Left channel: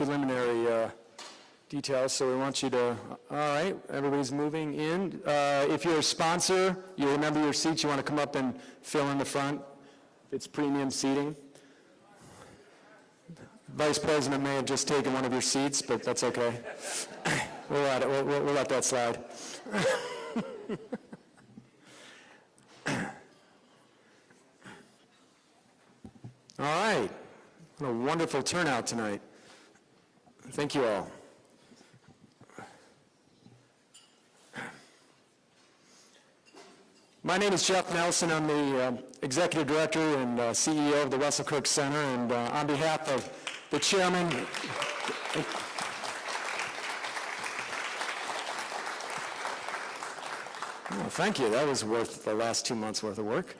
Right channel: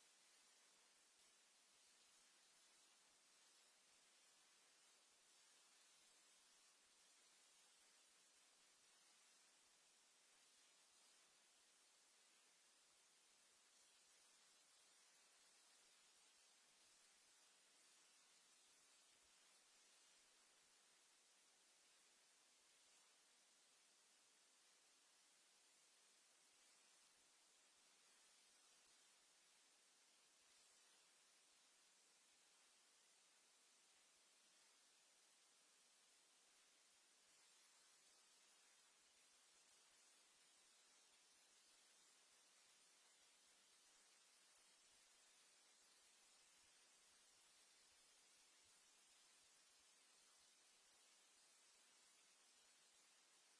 preliminary details, so we want you to, all right, everybody's moving in. If you're a sponsor, you remember your seats, you want to come up and fill in the front. It's premium seating. Vice President may have just taken one of your seats, but that's okay. We'll let that slide. All right. What a wonderful turnout tonight. Thank you all. My name is Jeff Nelson. I'm the Executive Director and CEO of the Russell Kirk Center, and on behalf of the Chairman, oh, thank you. That was worth the last 2 months' worth of work.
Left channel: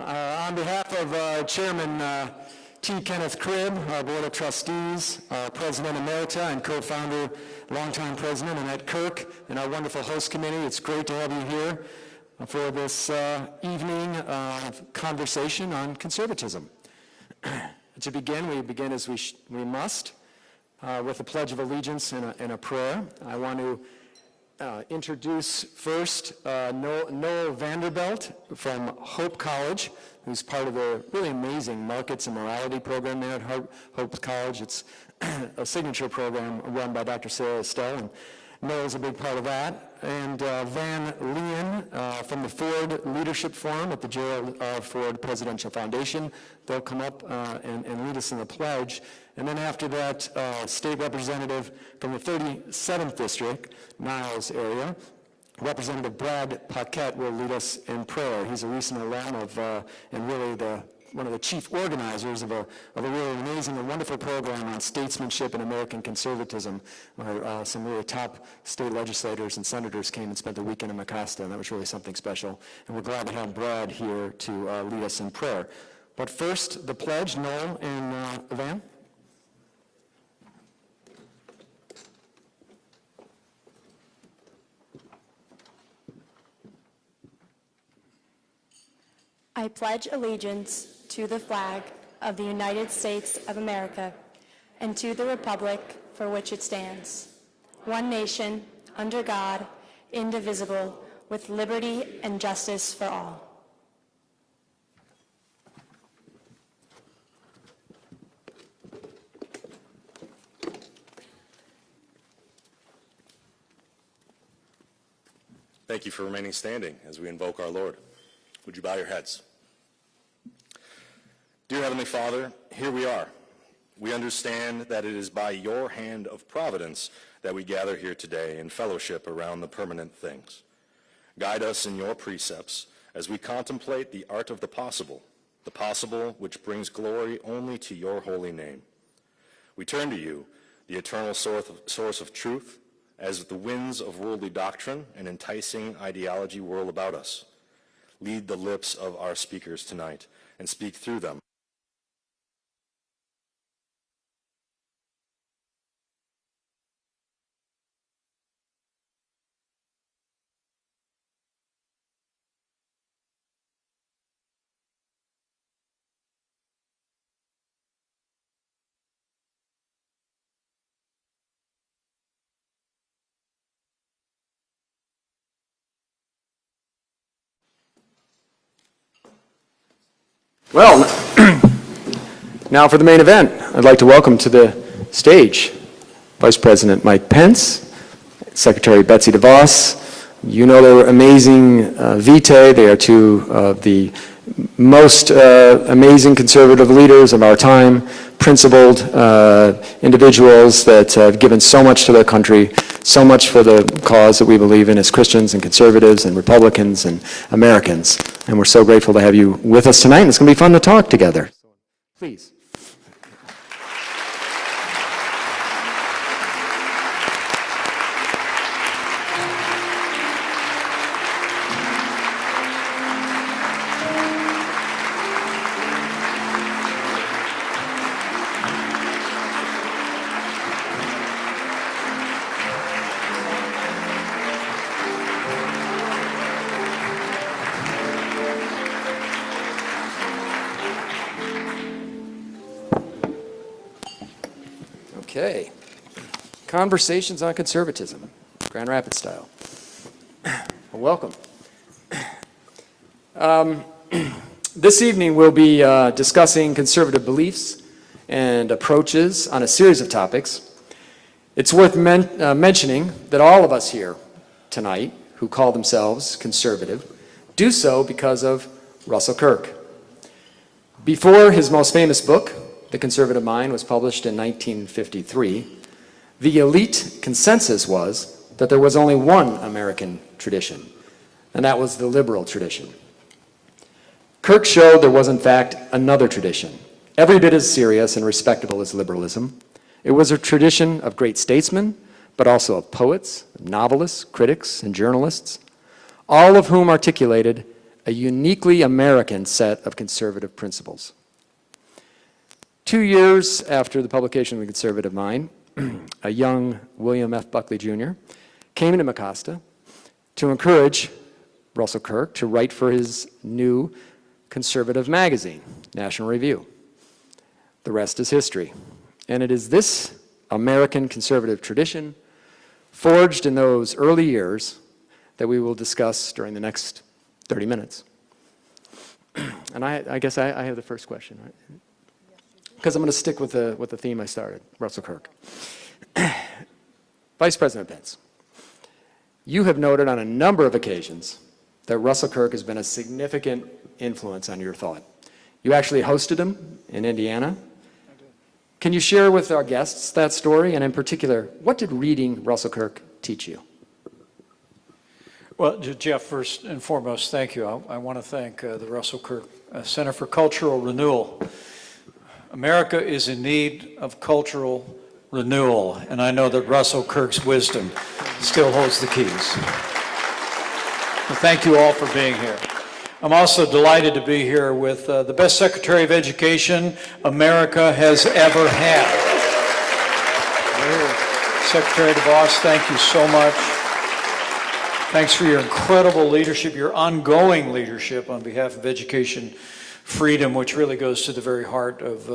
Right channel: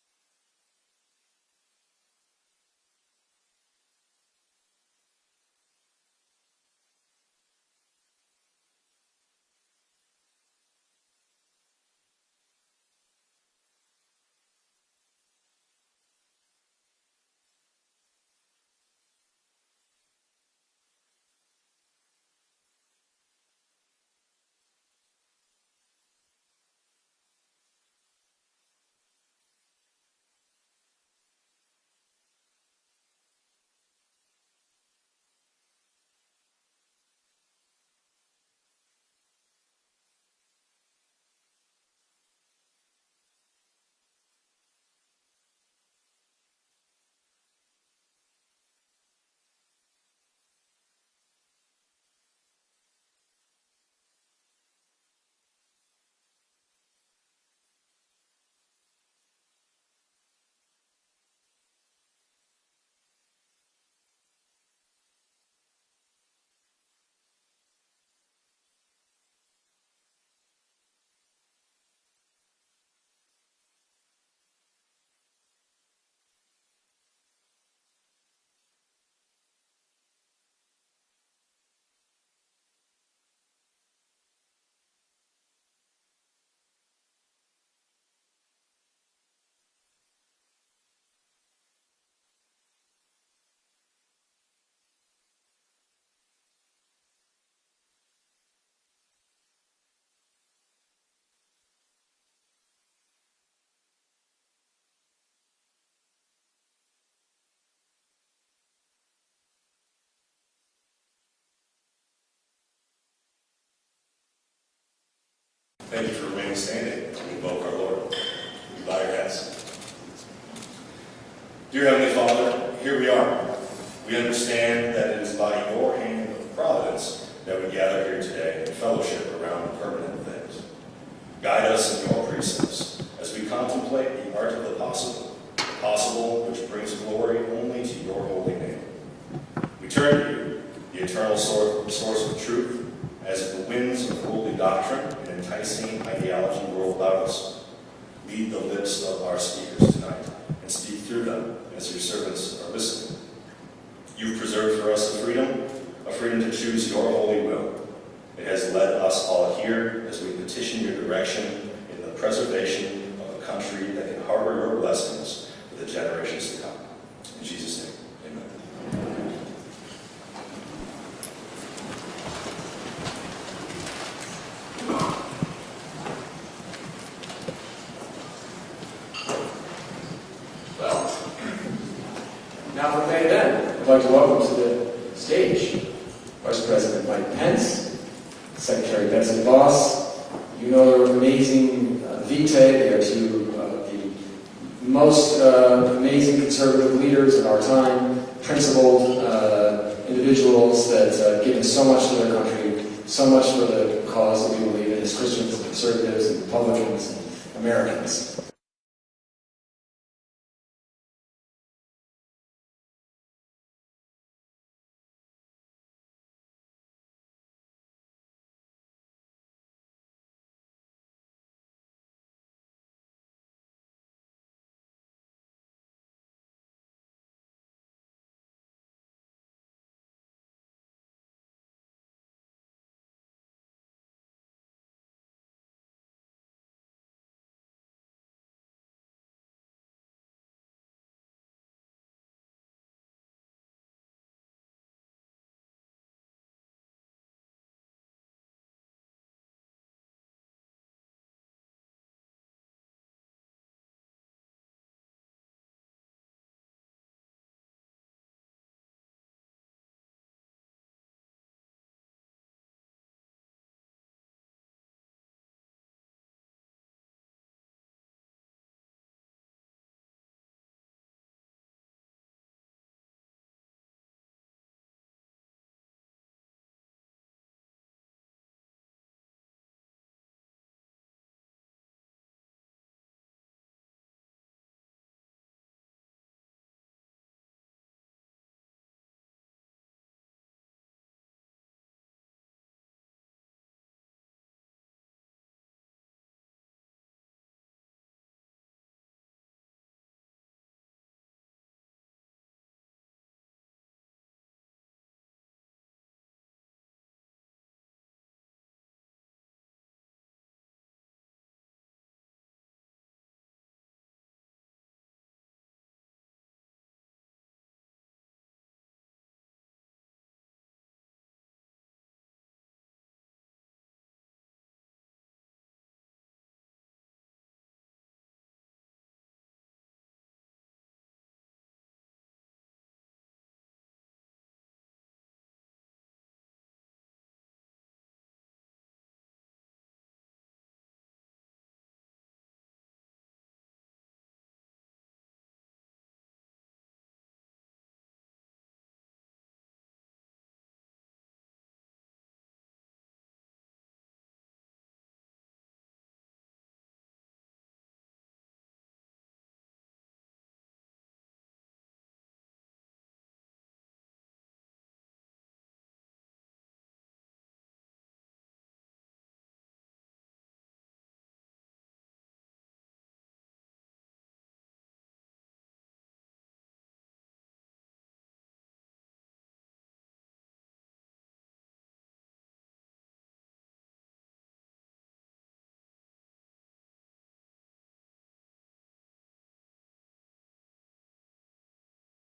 On behalf of Chairman T. Kenneth Cribb, our Board of Trustees, our President Emerita and co-founder, longtime President Annette Kirk, and our wonderful host committee, it's great to have you here for this evening conversation on conservatism. To begin, we begin as we must with a Pledge of Allegiance and a prayer. I want to introduce first Noel Vanderbilt from Hope College, who's part of the really amazing Markets and Morality program there at Hope College. It's a signature program run by Dr. Sarah Estelle, and Noel's a big part of that. And Van Leyen from the Ford Leadership Forum at the Gerald R. Ford Presidential Foundation. They'll come up and lead us in the pledge. And then after that, state representative from the 37th District, Niles area, Representative Brad Paquette will lead us in prayer. He's a recent alum of, and really one of the chief organizers of a really amazing and wonderful program on statesmanship and American conservatism, where some really top state legislators and senators came and spent the weekend in Macasta, and that was really something special. And we're glad to have Brad here to lead us in prayer. But first, the pledge, Noel and Van. I pledge allegiance to the flag of the United States of America and to the republic for which it stands, one nation, under God, indivisible, with liberty and justice for all. Thank you for remaining standing as we invoke our Lord. Would you bow your heads? Dear Heavenly Father, here we are. We understand that it is by your hand of providence that we gather here today in fellowship around the permanent things. Guide us in your precepts as we contemplate the art of the possible which brings glory only to your holy name. We turn to you, the eternal source of truth, as the winds of worldly doctrine and enticing ideology whirl about us. Lead the lips of our speakers tonight and speak through them as your servants are listening. You've preserved for us a freedom to choose your holy will. It has led us all here as we petition your direction in the preservation of a country that can harbor your blessings for the generations to come. In Jesus' name, amen. Well, now for the main event, I'd like to welcome to the stage Vice President Mike Pence, Secretary Betsy DeVos. You know their amazing vitae. They are two of the most amazing conservative leaders of our time, principled individuals that have given so much to their country, so much for the cause that we believe in as Christians and conservatives and Republicans and Americans. And we're so grateful to have you with us tonight. And it's going to be fun to talk together. Please. Okay. Conversations on Conservatism, Grand Rapids style. Well, welcome. This evening we'll be discussing conservative beliefs and approaches on a series of topics. It's worth mentioning that all of us here tonight who call themselves conservative do so because of Russell Kirk. Before his most famous book, The Conservative Mind, was published in 1953, the elite consensus was that there was only one American tradition, and that was the liberal tradition. Kirk showed there was, in fact, another tradition, every bit as serious and respectable as liberalism. It was a tradition of great statesmen, but also of poets, novelists, critics, and journalists, all of whom articulated a uniquely American set of conservative principles. 2 years after the publication of The Conservative Mind, a young William F. Buckley Jr. came to Mecosta to encourage Russell Kirk to write for his new conservative magazine, National Review. The rest is history. And it is this American conservative tradition, forged in those early years, that we will discuss during the next 30 minutes. And I guess I have the first question, right? Because I'm going to stick with the theme I started, Russell Kirk. Vice President Pence, you have noted on a number of occasions that Russell Kirk has been a significant influence on your thought. You actually hosted him in Indiana. Can you share with our guests that story, and in particular, what did reading Russell Kirk teach you? Well, Jeff, first and foremost, thank you. I want to thank the Russell Kirk Center for Cultural Renewal. America is in need of cultural renewal, and I know that Russell Kirk's wisdom still holds the keys. Well, thank you all for being here. I'm also delighted to be here with the best Secretary of Education America has ever had. Secretary DeVos, thank you so much. Thanks for your incredible leadership, your ongoing leadership on behalf of education freedom, which really goes to the very heart of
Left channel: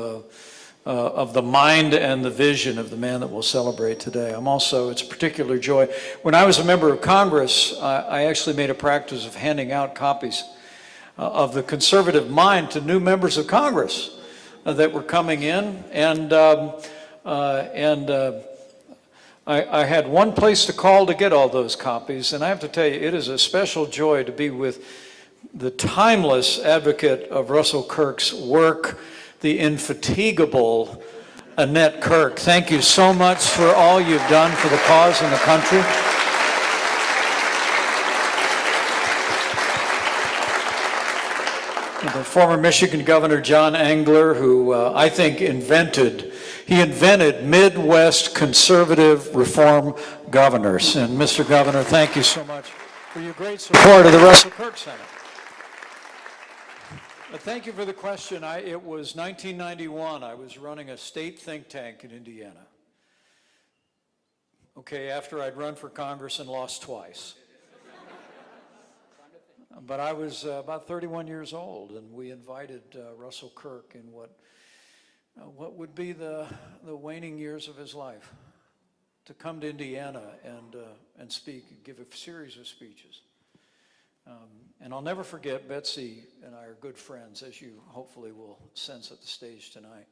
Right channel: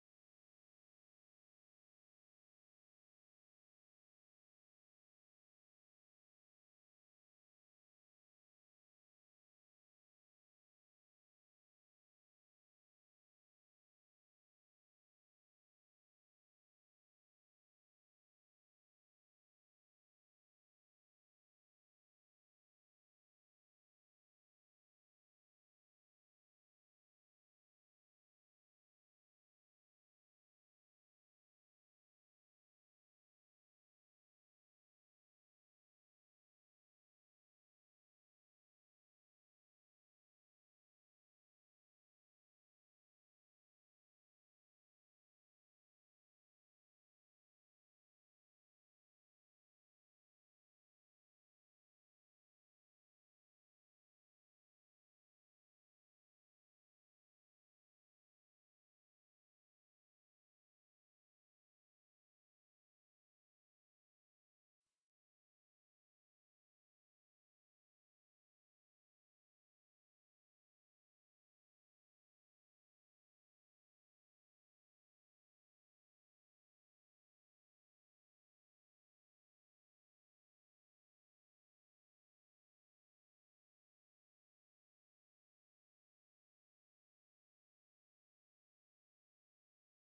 the mind and the vision of the man that we'll celebrate today. It's a particular joy. When I was a member of Congress, I actually made a practice of handing out copies of The Conservative Mind to new members of Congress that were coming in, and I had one place to call to get all those copies, and I have to tell you, it is a special joy to be with the timeless advocate of Russell Kirk's work, the infatigable Annette Kirk. Thank you so much for all you've done for the cause and the country. The former Michigan Governor John Engler, who I think invented Midwest conservative reform governors. And Mr. Governor, thank you so much for your great support of the Russell Kirk Center. Thank you for the question. It was 1991. I was running a state think tank in Indiana. Okay, after I'd run for Congress and lost twice. But I was about 31 years old, and we invited Russell Kirk in what would be the waning years of his life to come to Indiana and speak, and give a series of speeches. And I'll never forget, Betsy and I are good friends, as you hopefully will sense at the stage tonight.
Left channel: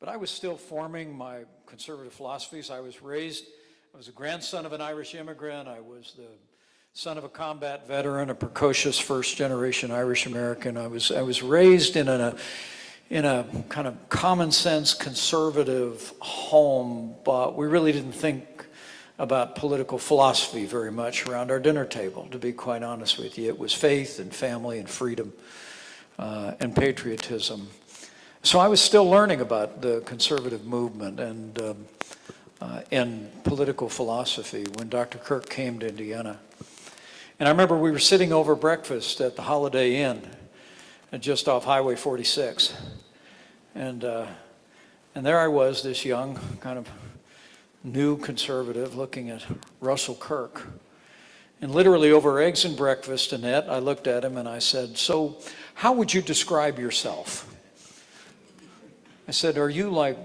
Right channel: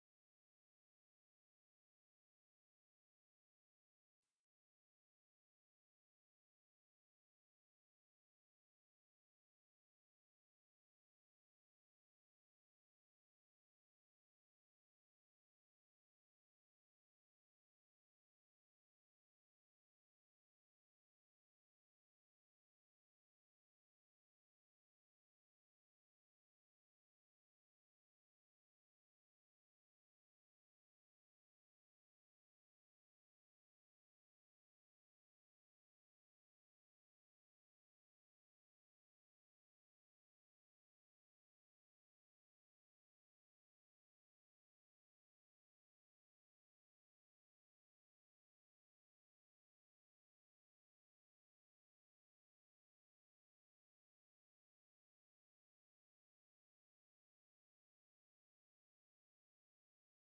But I was still forming my conservative philosophies. I was a grandson of an Irish immigrant. I was the son of a combat veteran, a precocious first-generation Irish American. I was raised in a kind of common sense conservative home, but we really didn't think about political philosophy very much around our dinner table, to be quite honest with you. It was faith and family and freedom and patriotism. So I was still learning about the conservative movement and political philosophy when Dr. Kirk came to Indiana. And I remember we were sitting over breakfast at the Holiday Inn just off Highway 46. And there I was, this young, kind of new conservative, looking at Russell Kirk. And literally over eggs and breakfast, Annette, I looked at him and I said, "So how would you describe yourself?" I said, "Are you like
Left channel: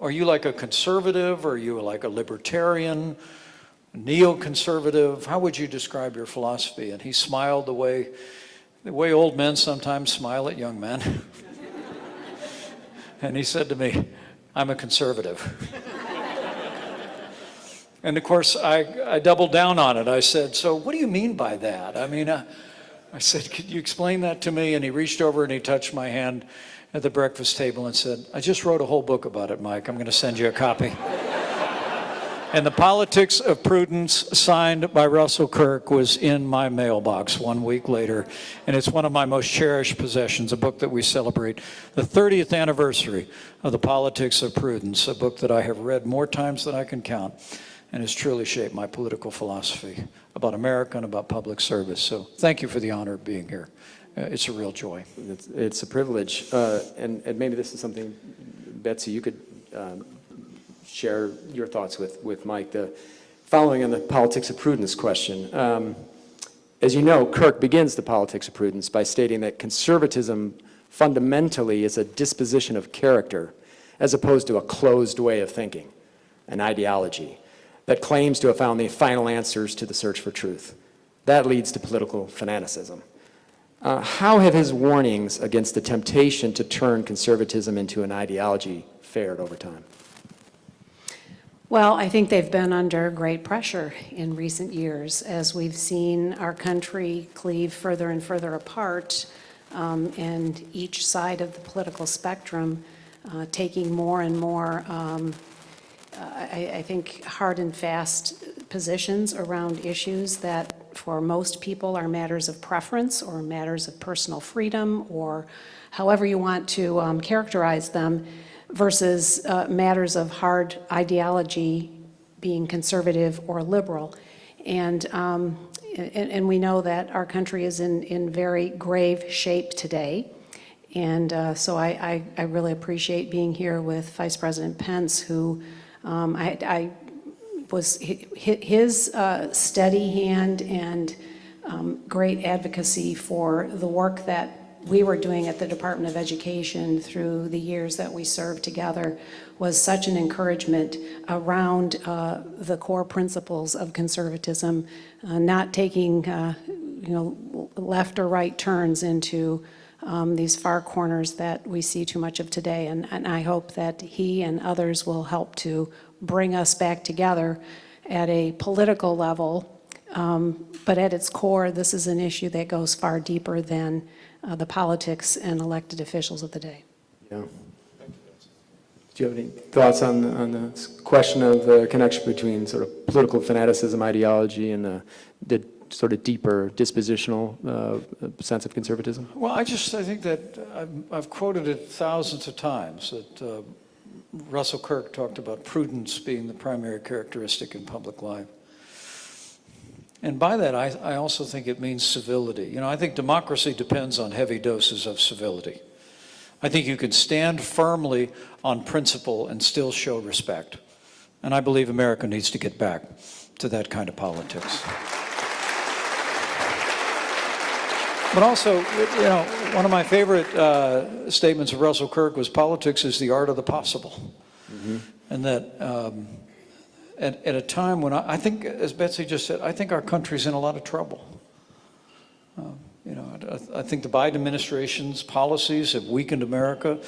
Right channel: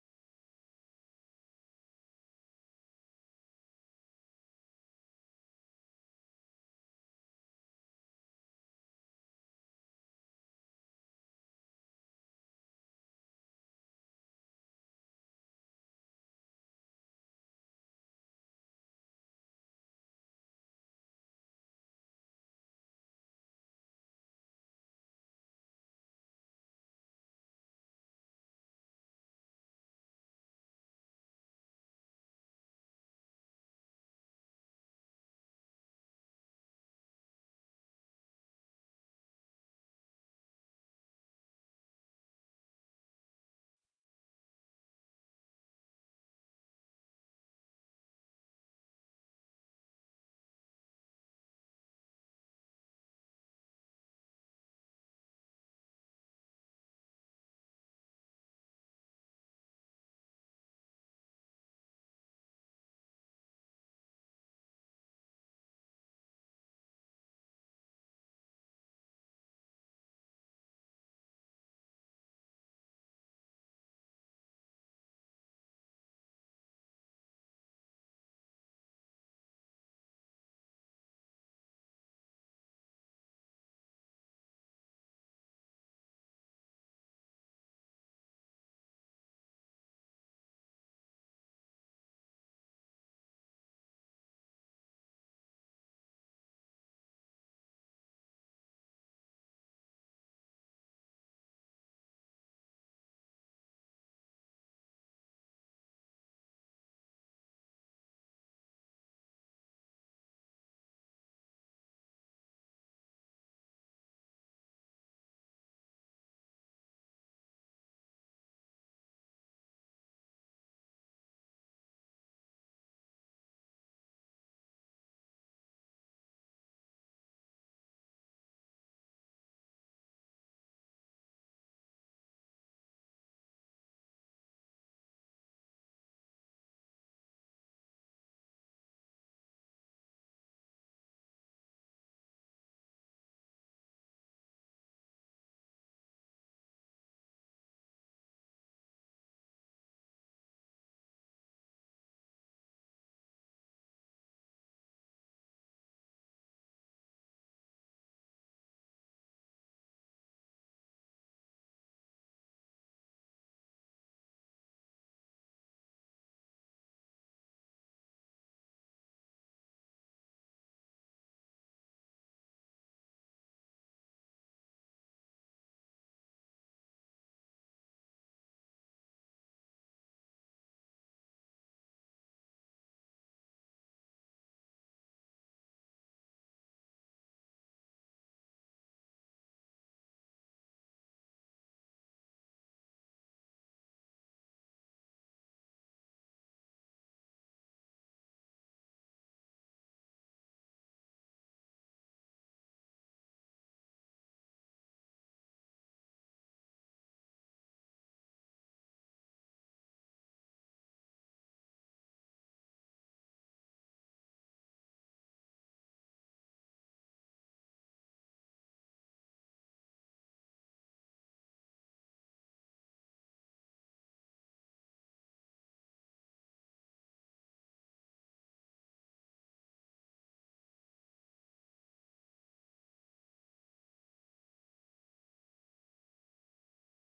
Are you like a conservative? Are you like a libertarian, neoconservative? How would you describe your philosophy? And he smiled the way old men sometimes smile at young men. And he said to me, I'm a conservative. And of course, I doubled down on it. I said, so what do you mean by that? I mean, I said, could you explain that to me? And he reached over and he touched my hand at the breakfast table and said, I just wrote a whole book about it, Mike. I'm going to send you a copy. And The Politics of Prudence, signed by Russell Kirk, was in my mailbox 1 week later. And it's one of my most cherished possessions, a book that we celebrate the 30th anniversary of The Politics of Prudence, a book that I have read more times than I can count and has truly shaped my political philosophy about America and about public service. So thank you for the honor of being here. It's a real joy. It's a privilege. And maybe this is something, Betsy, you could share your thoughts with Mike. Following on the politics of prudence question, as you know, Kirk begins the politics of prudence by stating that conservatism fundamentally is a disposition of character as opposed to a closed way of thinking, an ideology that claims to have found the final answers to the search for truth. That leads to political fanaticism. How have his warnings against the temptation to turn conservatism into an ideology fared over time? Well, I think they've been under great pressure in recent years as we've seen our country cleave further and further apart, and each side of the political spectrum taking more and more, I think, hard and fast positions around issues that for most people are matters of preference or matters of personal freedom or however you want to characterize them, versus matters of hard ideology, being conservative or liberal. And we know that our country is in very grave shape today. And so I really appreciate being here with Vice President Pence, who his steady hand and great advocacy for the work that we were doing at the Department of Education through the years that we served together was such an encouragement around the core principles of conservatism, not taking left or right turns into these far corners that we see too much of today. And I hope that he and others will help to bring us back together at a political level. But at its core, this is an issue that goes far deeper than the politics and elected officials of the day. Yeah. Do you have any thoughts on the question of the connection between sort of political fanaticism, ideology, and the sort of deeper dispositional sense of conservatism? Well, I think that I've quoted it thousands of times that Russell Kirk talked about prudence being the primary characteristic in public life. And by that, I also think it means civility. I think democracy depends on heavy doses of civility. I think you can stand firmly on principle and still show respect. And I believe America needs to get back to that kind of politics. But also, one of my favorite statements of Russell Kirk was politics is the art of the possible. Mm-hmm. And that at a time when I think, as Betsy just said, I think our country's in a lot of trouble. I think the Biden administration's policies have weakened America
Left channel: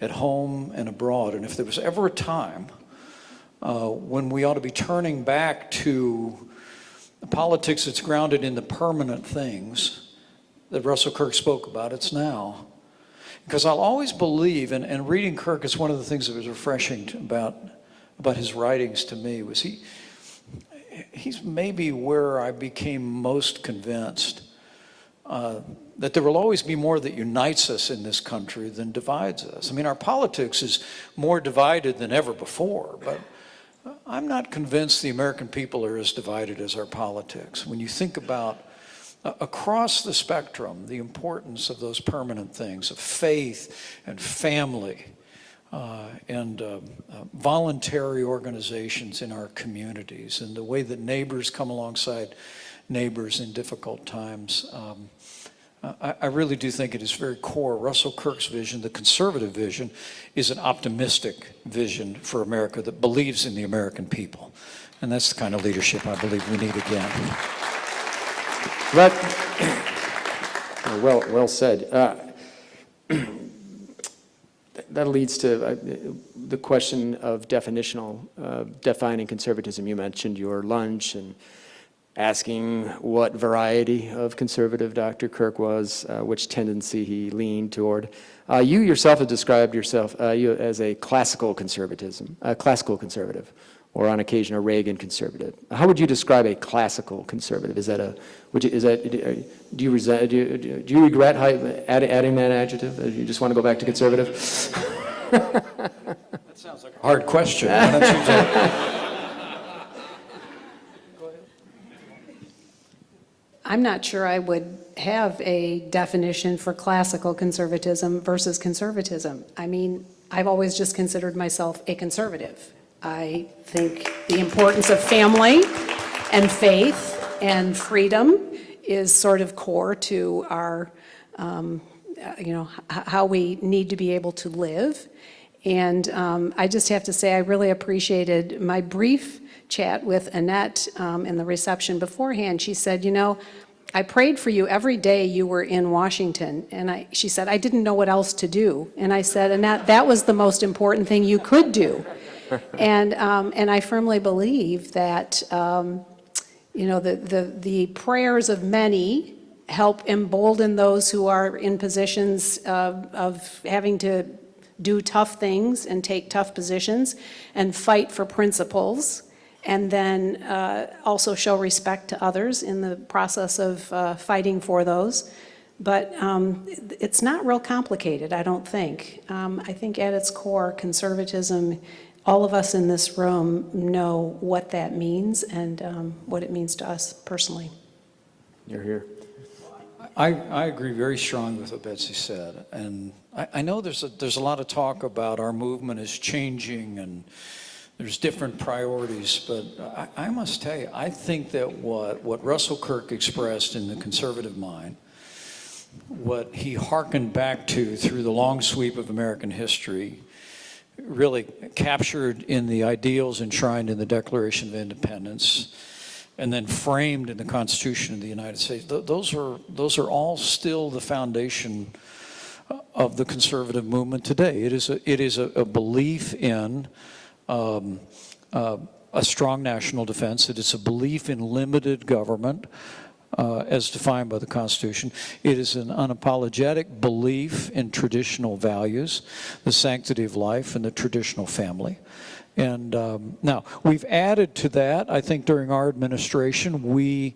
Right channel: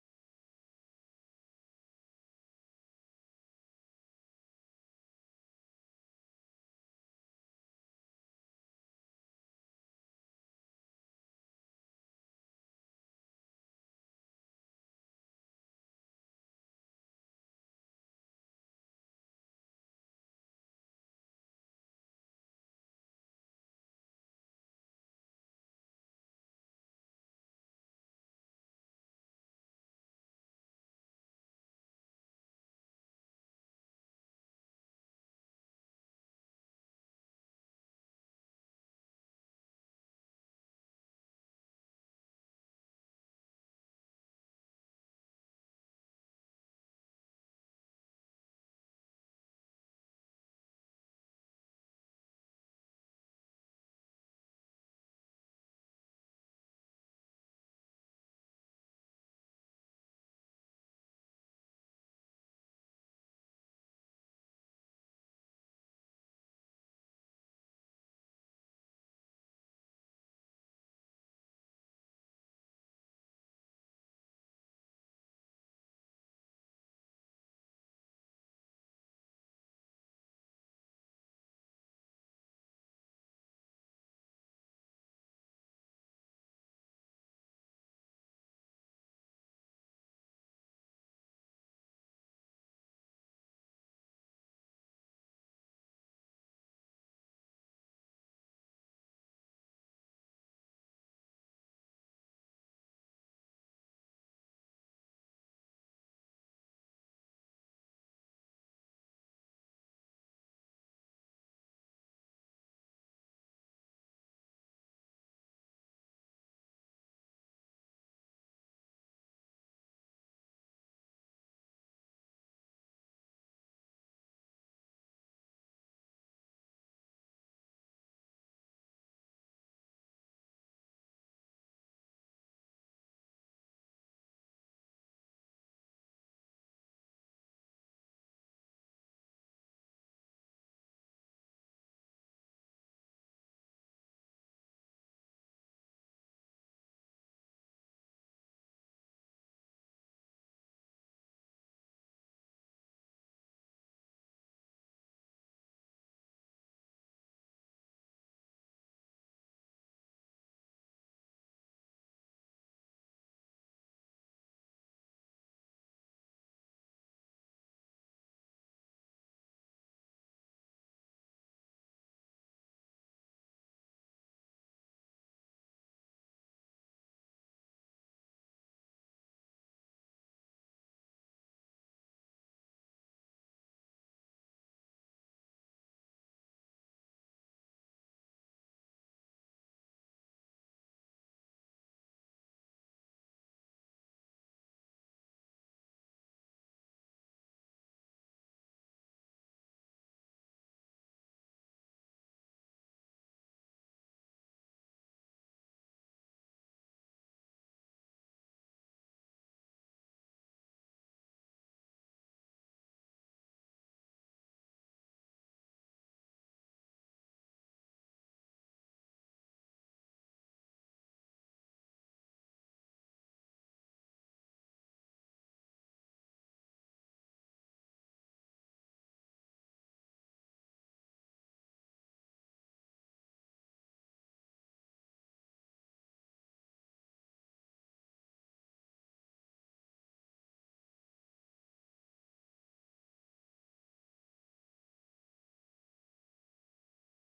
at home and abroad. And if there was ever a time when we ought to be turning back to a politics that's grounded in the permanent things that Russell Kirk spoke about, it's now. Because I'll always believe, and reading Kirk is one of the things that was refreshing about his writings to me, was he's maybe where I became most convinced that there will always be more that unites us in this country than divides us. I mean, our politics is more divided than ever before, but I'm not convinced the American people are as divided as our politics. When you think about across the spectrum, the importance of those permanent things, of faith and family, and voluntary organizations in our communities, and the way that neighbors come alongside neighbors in difficult times. I really do think at its very core, Russell Kirk's vision, the conservative vision, is an optimistic vision for America that believes in the American people. And that's the kind of leadership I believe we need again. But, well said. That leads to the question of defining conservatism. You mentioned your lunch and asking what variety of conservative Dr. Kirk was, which tendency he leaned toward. You yourself have described yourself as a classical conservative, or on occasion a Reagan conservative. How would you describe a classical conservative? Do you regret adding that adjective? Do you just want to go back to conservative? That sounds like a hard question. Why don't you just... I'm not sure I would have a definition for classical conservatism versus conservatism. I mean, I've always just considered myself a conservative. I think the importance of family and faith and freedom is sort of core to our, how we need to be able to live. And I just have to say, I really appreciated my brief chat with Annette in the reception beforehand. She said, I prayed for you every day you were in Washington. And she said, I didn't know what else to do. And I said, Annette, that was the most important thing you could do. And I firmly believe that, the prayers of many help embolden those who are in positions of having to do tough things and take tough positions and fight for principles, and then also show respect to others in the process of fighting for those. But it's not real complicated, I don't think. I think at its core, conservatism, all of us in this room know what that means and what it means to us personally. You're here. I agree very strongly with what Betsy said. And I know there's a lot of talk about our movement is changing and there's different priorities, but I must tell you, I think that what Russell Kirk expressed in the conservative mind, what he hearkened back to through the long sweep of American history, really captured in the ideals enshrined in the Declaration of Independence, and then framed in the Constitution of the United States. Those are all still the foundation of the conservative movement today. It is a belief in a strong national defense. It is a belief in limited government as defined by the Constitution. It is an unapologetic belief in traditional values, the sanctity of life and the traditional family. And now, we've added to that, I think during our administration, we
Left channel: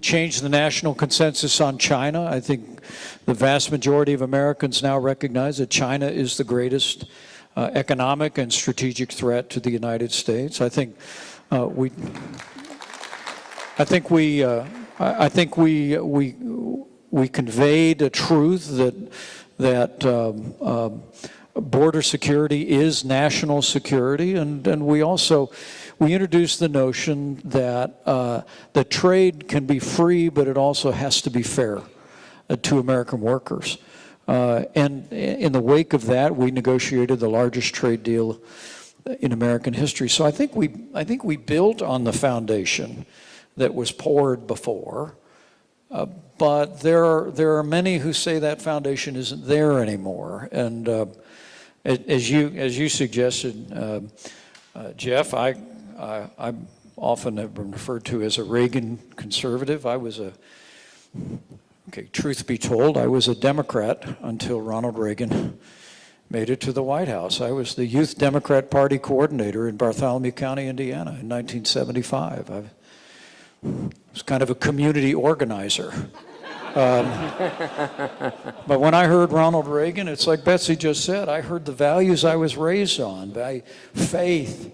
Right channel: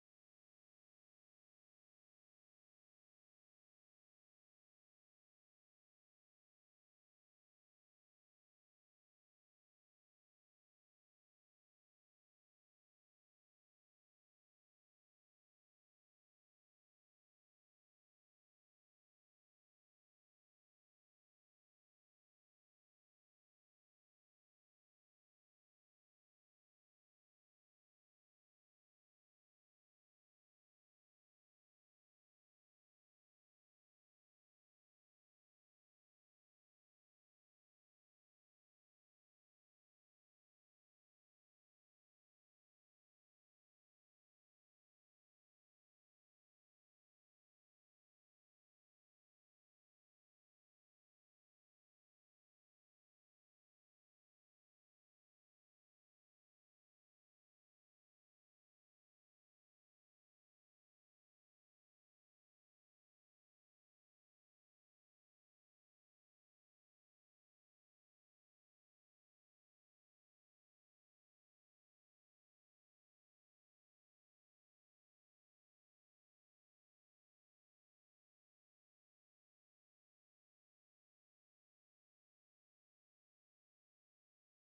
changed the national consensus on China. I think the vast majority of Americans now recognize that China is the greatest economic and strategic threat to the United States. I think we conveyed a truth that border security is national security, and we introduced the notion that trade can be free, but it also has to be fair to American workers. And in the wake of that, we negotiated the largest trade deal in American history. So I think we built on the foundation that was poured before, but there are many who say that foundation isn't there anymore. And as you suggested, Jeff, I often have been referred to as a Reagan conservative. Truth be told, I was a Democrat until Ronald Reagan made it to the White House. I was the Youth Democrat Party coordinator in Bartholomew County, Indiana in 1975. I was kind of a community organizer. But when I heard Ronald Reagan, it's like Betsy just said, I heard the values I was raised on, by faith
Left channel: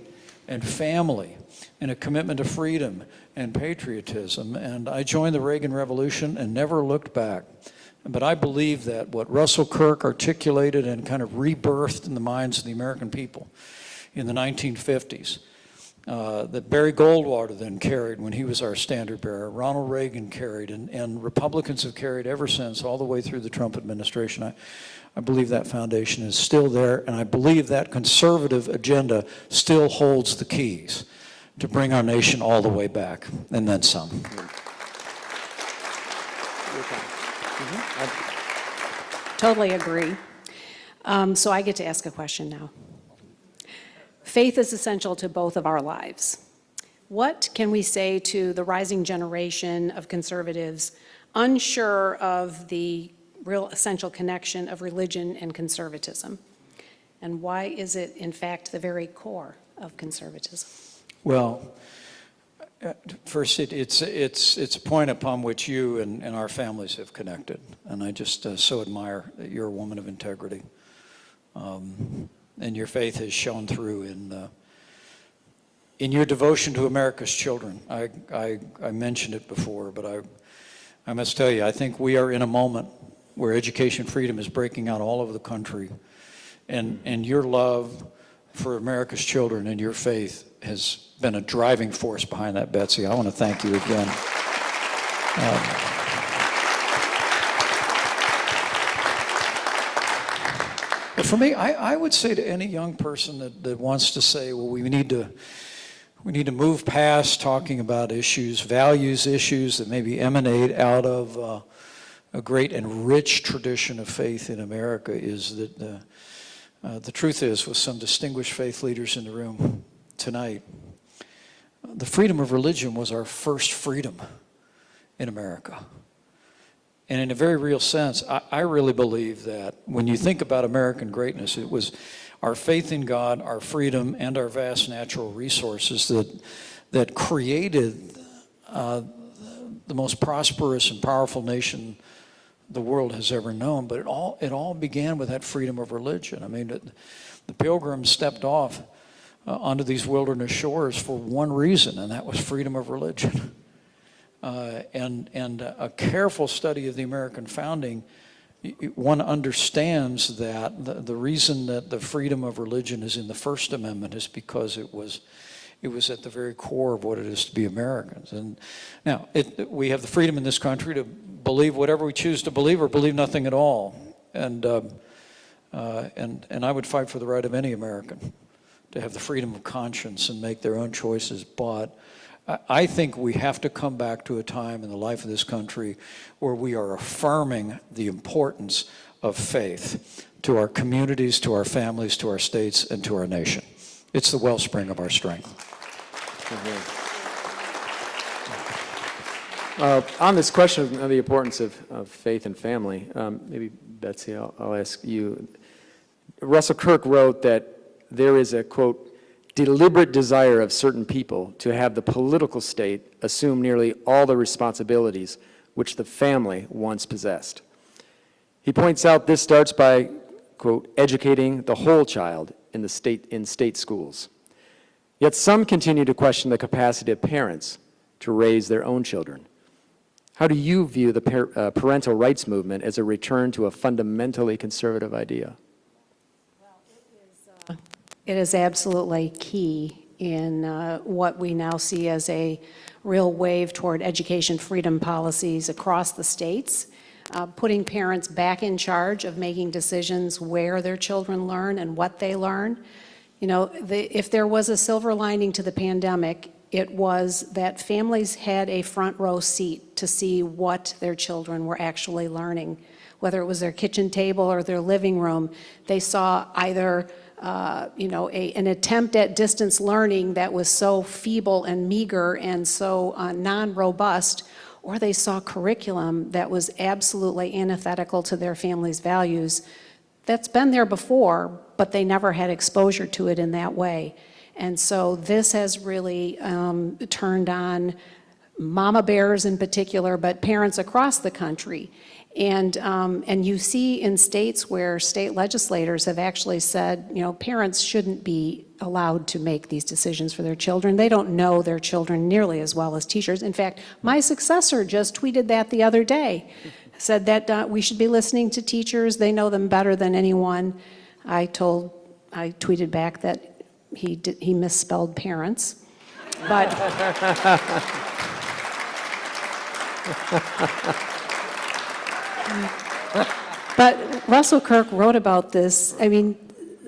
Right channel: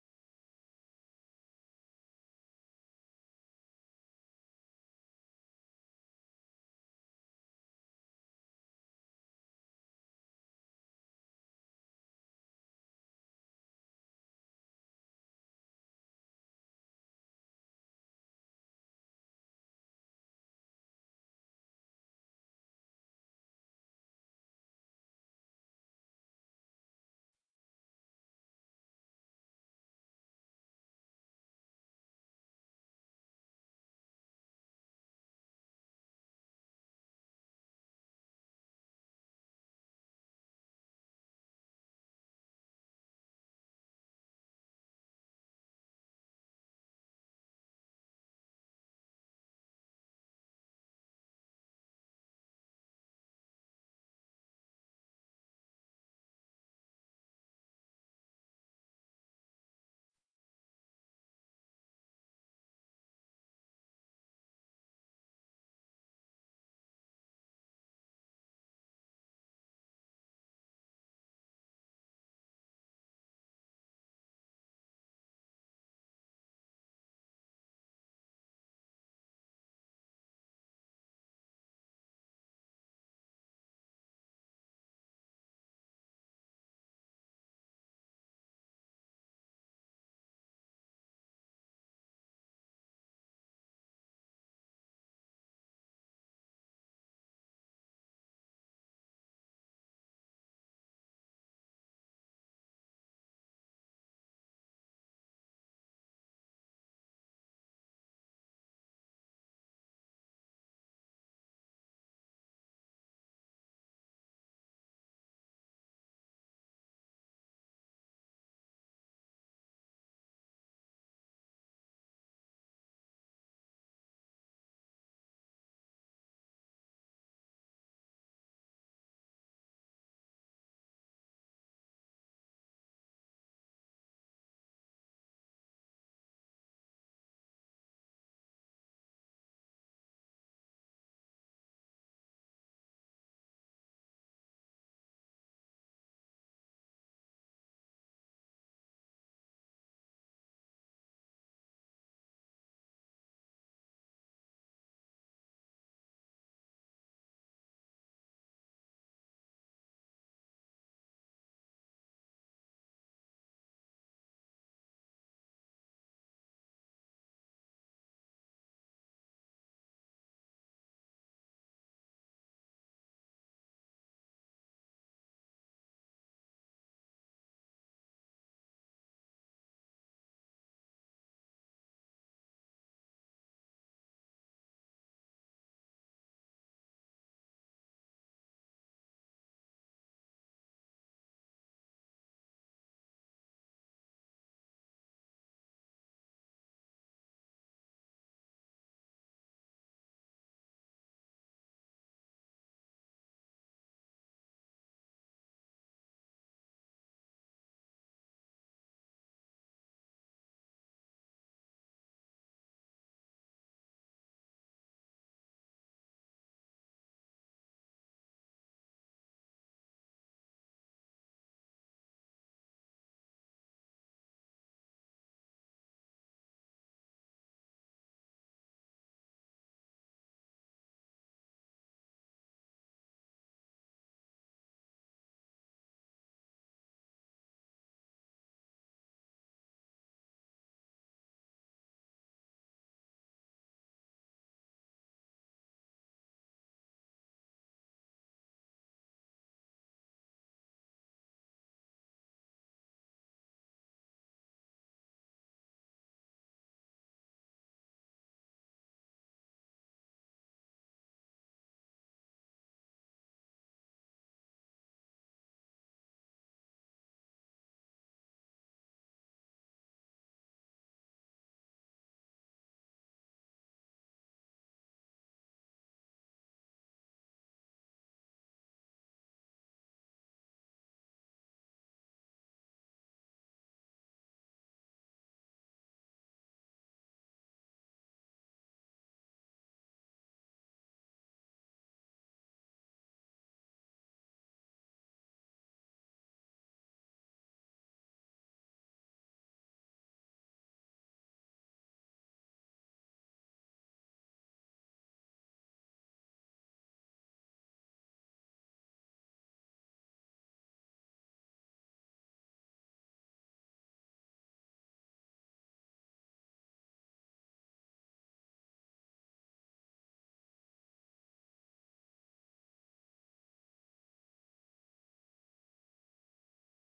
and family and a commitment to freedom and patriotism. And I joined the Reagan Revolution and never looked back. But I believe that what Russell Kirk articulated and kind of rebirthed in the minds of the American people in the 1950s, that Barry Goldwater then carried when he was our standard bearer, Ronald Reagan carried, and Republicans have carried ever since, all the way through the Trump administration. I believe that foundation is still there, and I believe that conservative agenda still holds the keys to bring our nation all the way back, and then some. Totally agree. So I get to ask a question now. Faith is essential to both of our lives. What can we say to the rising generation of conservatives unsure of the real essential connection of religion and conservatism? And why is it, in fact, the very core of conservatism? Well, first, it's a point upon which you and our families have connected, and I just so admire that you're a woman of integrity, and your faith has shown through in your devotion to America's children. I mentioned it before, but I must tell you, I think we are in a moment where education freedom is breaking out all over the country, and your love for America's children and your faith has been a driving force behind that, Betsy. I want to thank you again. But for me, I would say to any young person that wants to say, well, we need to move past talking about issues, values issues that maybe emanate out of a great and rich tradition of faith in America, is that the truth is, with some distinguished faith leaders in the room tonight, the freedom of religion was our first freedom in America. And in a very real sense, I really believe that when you think about American greatness, it was our faith in God, our freedom, and our vast natural resources that created the most prosperous and powerful nation the world has ever known. But it all began with that freedom of religion. I mean, the Pilgrims stepped off onto these wilderness shores for one reason, and that was freedom of religion. And a careful study of the American founding, one understands that the reason that the freedom of religion is in the First Amendment is because it was at the very core of what it is to be Americans. And now, we have the freedom in this country to believe whatever we choose to believe or believe nothing at all. And I would fight for the right of any American to have the freedom of conscience and make their own choices. But I think we have to come back to a time in the life of this country where we are affirming the importance of faith to our communities, to our families, to our states, and to our nation. It's the wellspring of our strength. On this question of the importance of faith and family, maybe Betsy, I'll ask you. Russell Kirk wrote that there is a, quote, deliberate desire of certain people to have the political state assume nearly all the responsibilities which the family once possessed. He points out this starts by, quote, educating the whole child in state schools. Yet some continue to question the capacity of parents to raise their own children. How do you view the parental rights movement as a return to a fundamentally conservative idea? It is absolutely key in what we now see as a real wave toward education freedom policies across the states, putting parents back in charge of making decisions where their children learn and what they learn. You know, if there was a silver lining to the pandemic, it was that families had a front row seat to see what their children were actually learning. Whether it was their kitchen table or their living room, they saw either an attempt at distance learning that was so feeble and meager and so non-robust, or they saw curriculum that was absolutely antithetical to their family's values. That's been there before, but they never had exposure to it in that way. And so this has really turned on mama bears in particular, but parents across the country. And you see in states where state legislators have actually said, you know, parents shouldn't be allowed to make these decisions for their children. They don't know their children nearly as well as teachers. In fact, my successor just tweeted that the other day, said that we should be listening to teachers. They know them better than anyone. I tweeted back that he misspelled parents. But Russell Kirk wrote about this,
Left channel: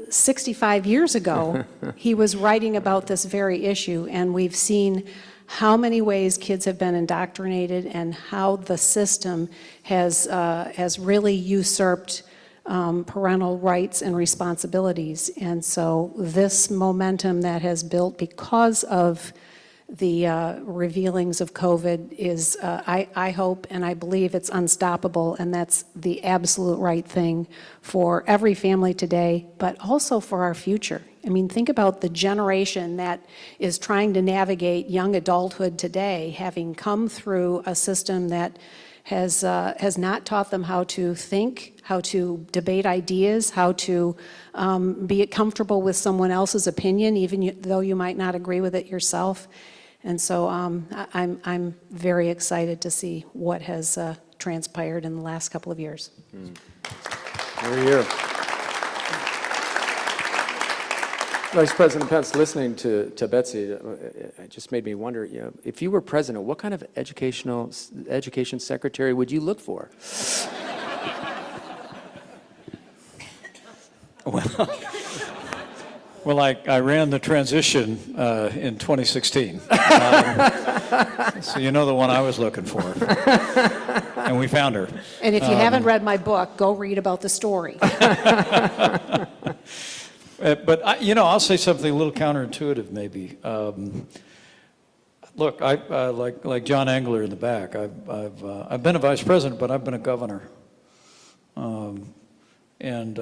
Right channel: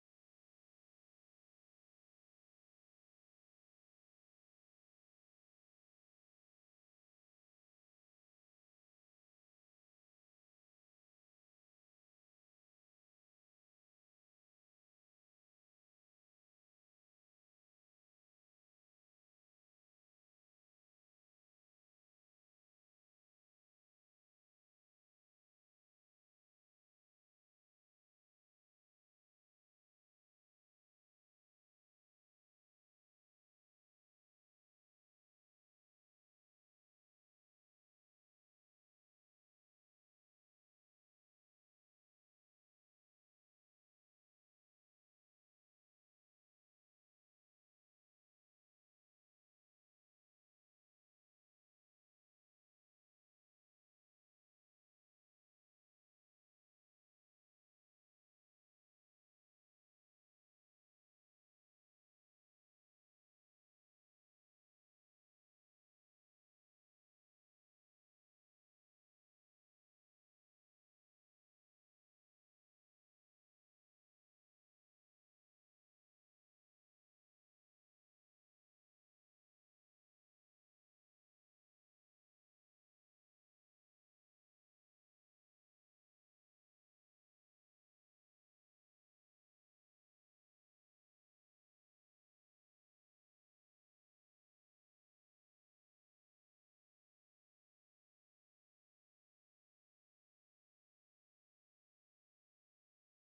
65 years ago, he was writing about this very issue, and we've seen how many ways kids have been indoctrinated and how the system has really usurped parental rights and responsibilities. And so this momentum that has built because of the revealings of COVID is, I hope and I believe it's unstoppable, and that's the absolute right thing for every family today, but also for our future. Think about the generation that is trying to navigate young adulthood today, having come through a system that has not taught them how to think, how to debate ideas, how to be comfortable with someone else's opinion, even though you might not agree with it yourself. And so I'm very excited to see what has transpired in the last couple of years. We're here. Vice President Pence, listening to Betsy, it just made me wonder, if you were president, what kind of education secretary would you look for? Well, I ran the transition in 2016. So you know the one I was looking for. And we found her. And if you haven't read my book, go read about the story. But I'll say something a little counterintuitive, maybe. Look, like John Engler in the back, I've been a vice president, but I've been a governor, and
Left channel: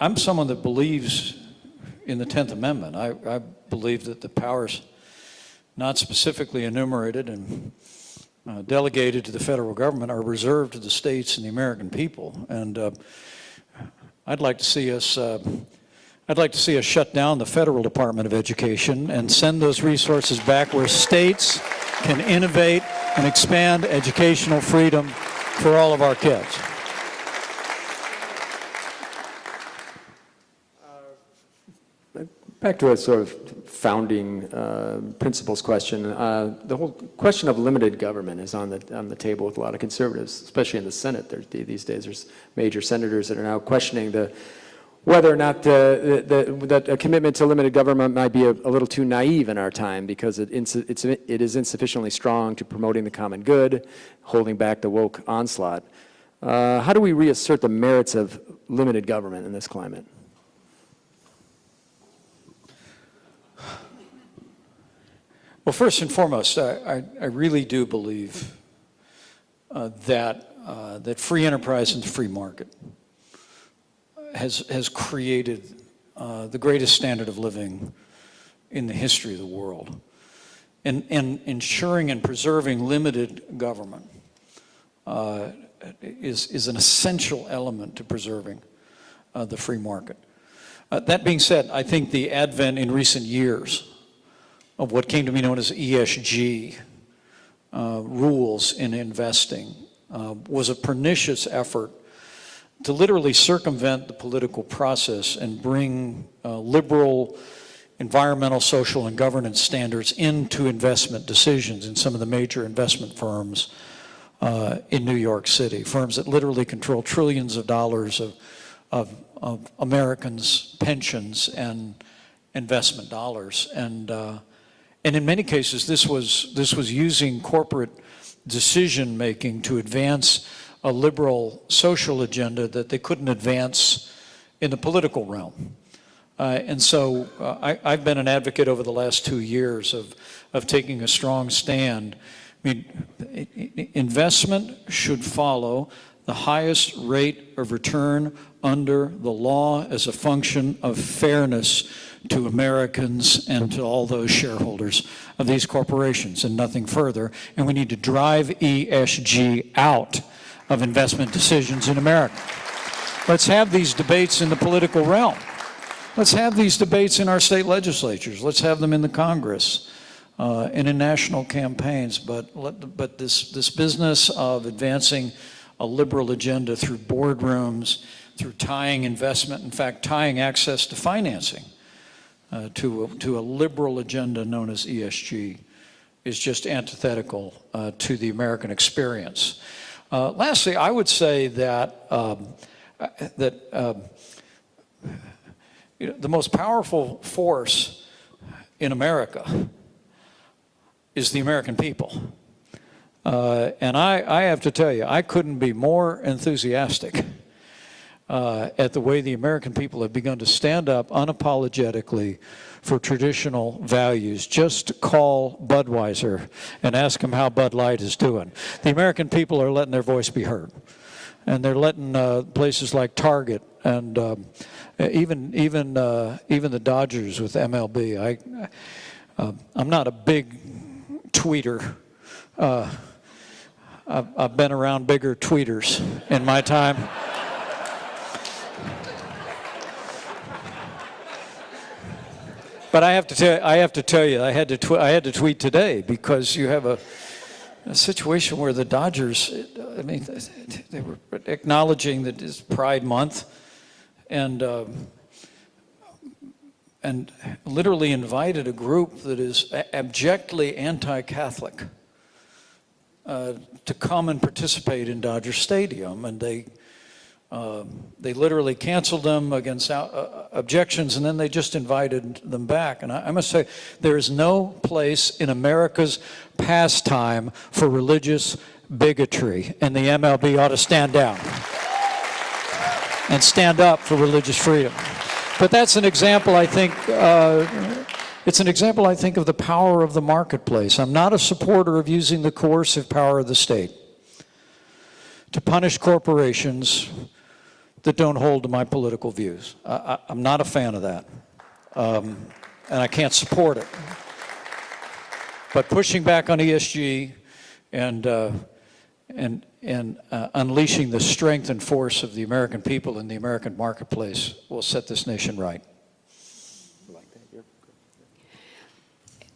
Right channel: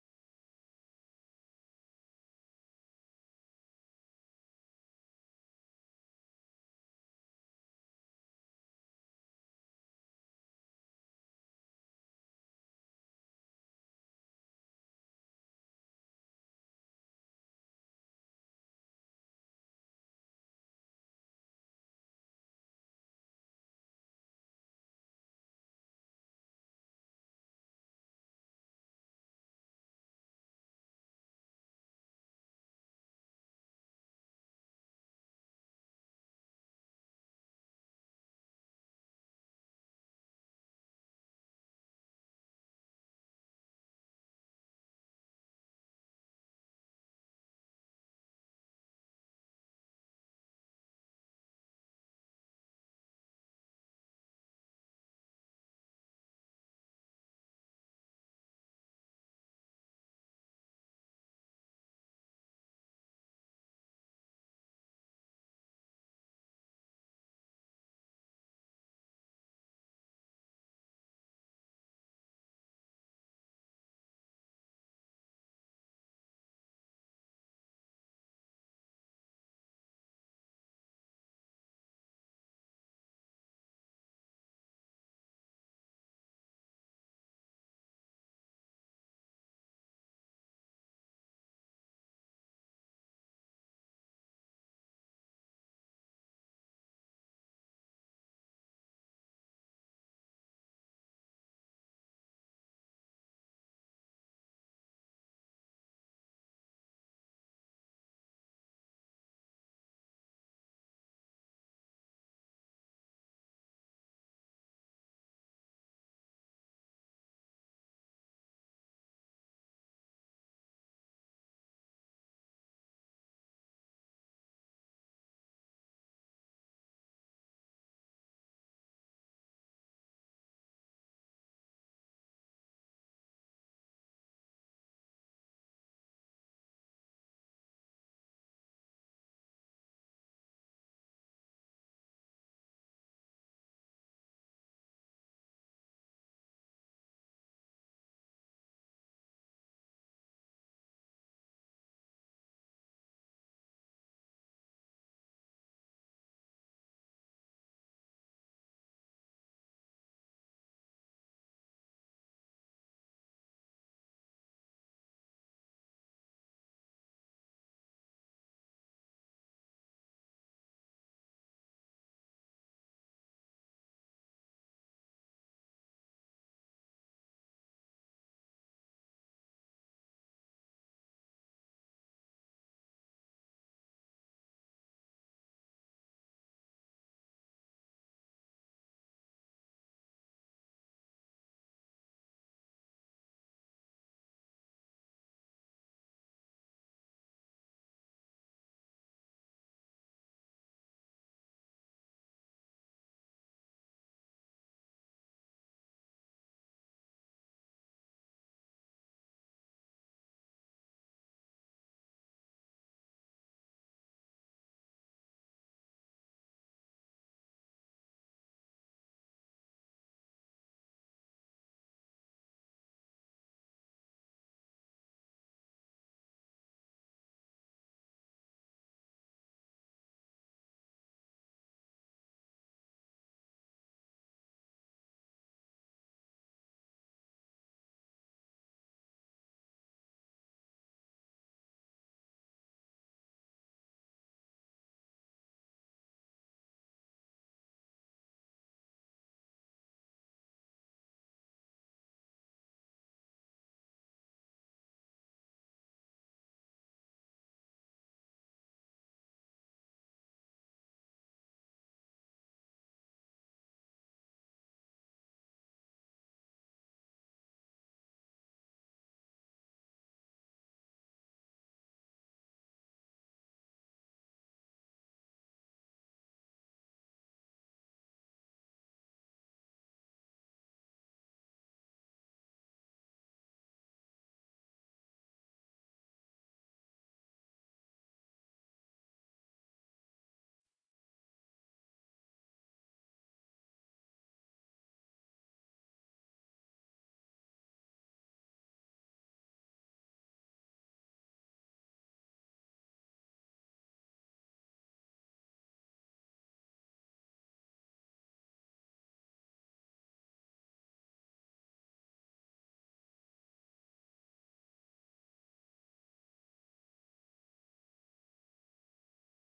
I'm someone that believes in the 10th Amendment. I believe that the powers not specifically enumerated and delegated to the federal government are reserved to the states and the American people. And I'd like to see us shut down the federal Department of Education and send those resources back where states can innovate and expand educational freedom for all of our kids. Back to a sort of founding principles question. The whole question of limited government is on the table with a lot of conservatives, especially in the Senate. These days, there's major senators that are now questioning whether or not that a commitment to limited government might be a little too naive in our time, because it is insufficiently strong to promoting the common good, holding back the woke onslaught. How do we reassert the merits of limited government in this climate? Well, first and foremost, I really do believe that free enterprise and the free market has created the greatest standard of living in the history of the world. And ensuring and preserving limited government is an essential element to preserving the free market. That being said, I think the advent in recent years of what came to be known as ESG rules in investing was a pernicious effort to literally circumvent the political process and bring liberal environmental, social, and governance standards into investment decisions in some of the major investment firms in New York City, firms that literally control trillions of dollars of Americans' pensions and investment dollars. And in many cases, this was using corporate decision-making to advance a liberal social agenda that they couldn't advance in the political realm. And so I've been an advocate over the last 2 years of taking a strong stand. I mean, investment should follow the highest rate of return under the law as a function of fairness to Americans and to all those shareholders of these corporations, and nothing further. And we need to drive ESG out of investment decisions in America. Let's have these debates in the political realm. Let's have these debates in our state legislatures. Let's have them in the Congress and in national campaigns. But this business of advancing a liberal agenda through boardrooms, through tying investment, in fact, tying access to financing to a liberal agenda known as ESG is just antithetical to the American experience. Lastly, I would say that the most powerful force in America is the American people. And I have to tell you, I couldn't be more enthusiastic at the way the American people have begun to stand up unapologetically for traditional values. Just call Budweiser and ask them how Bud Light is doing. The American people are letting their voice be heard. And they're letting places like Target and even the Dodgers with MLB. I'm not a big tweeter. I've been around bigger tweeters in my time. But I have to tell you, I had to tweet today because you have a situation where the Dodgers, I mean, they were acknowledging that it's Pride Month, and literally invited a group that is abjectly anti-Catholic to come and participate in Dodger Stadium, and they literally canceled them against objections, and then they just invited them back. And I must say, there is no place in America's pastime for religious bigotry, and the MLB ought to stand down and stand up for religious freedom. But that's an example, I think, it's an example, I think, of the power of the marketplace. I'm not a supporter of using the coercive power of the state to punish corporations that don't hold to my political views. I'm not a fan of that, and I can't support it. But pushing back on ESG and unleashing the strength and force of the American people in the American marketplace will set this nation right.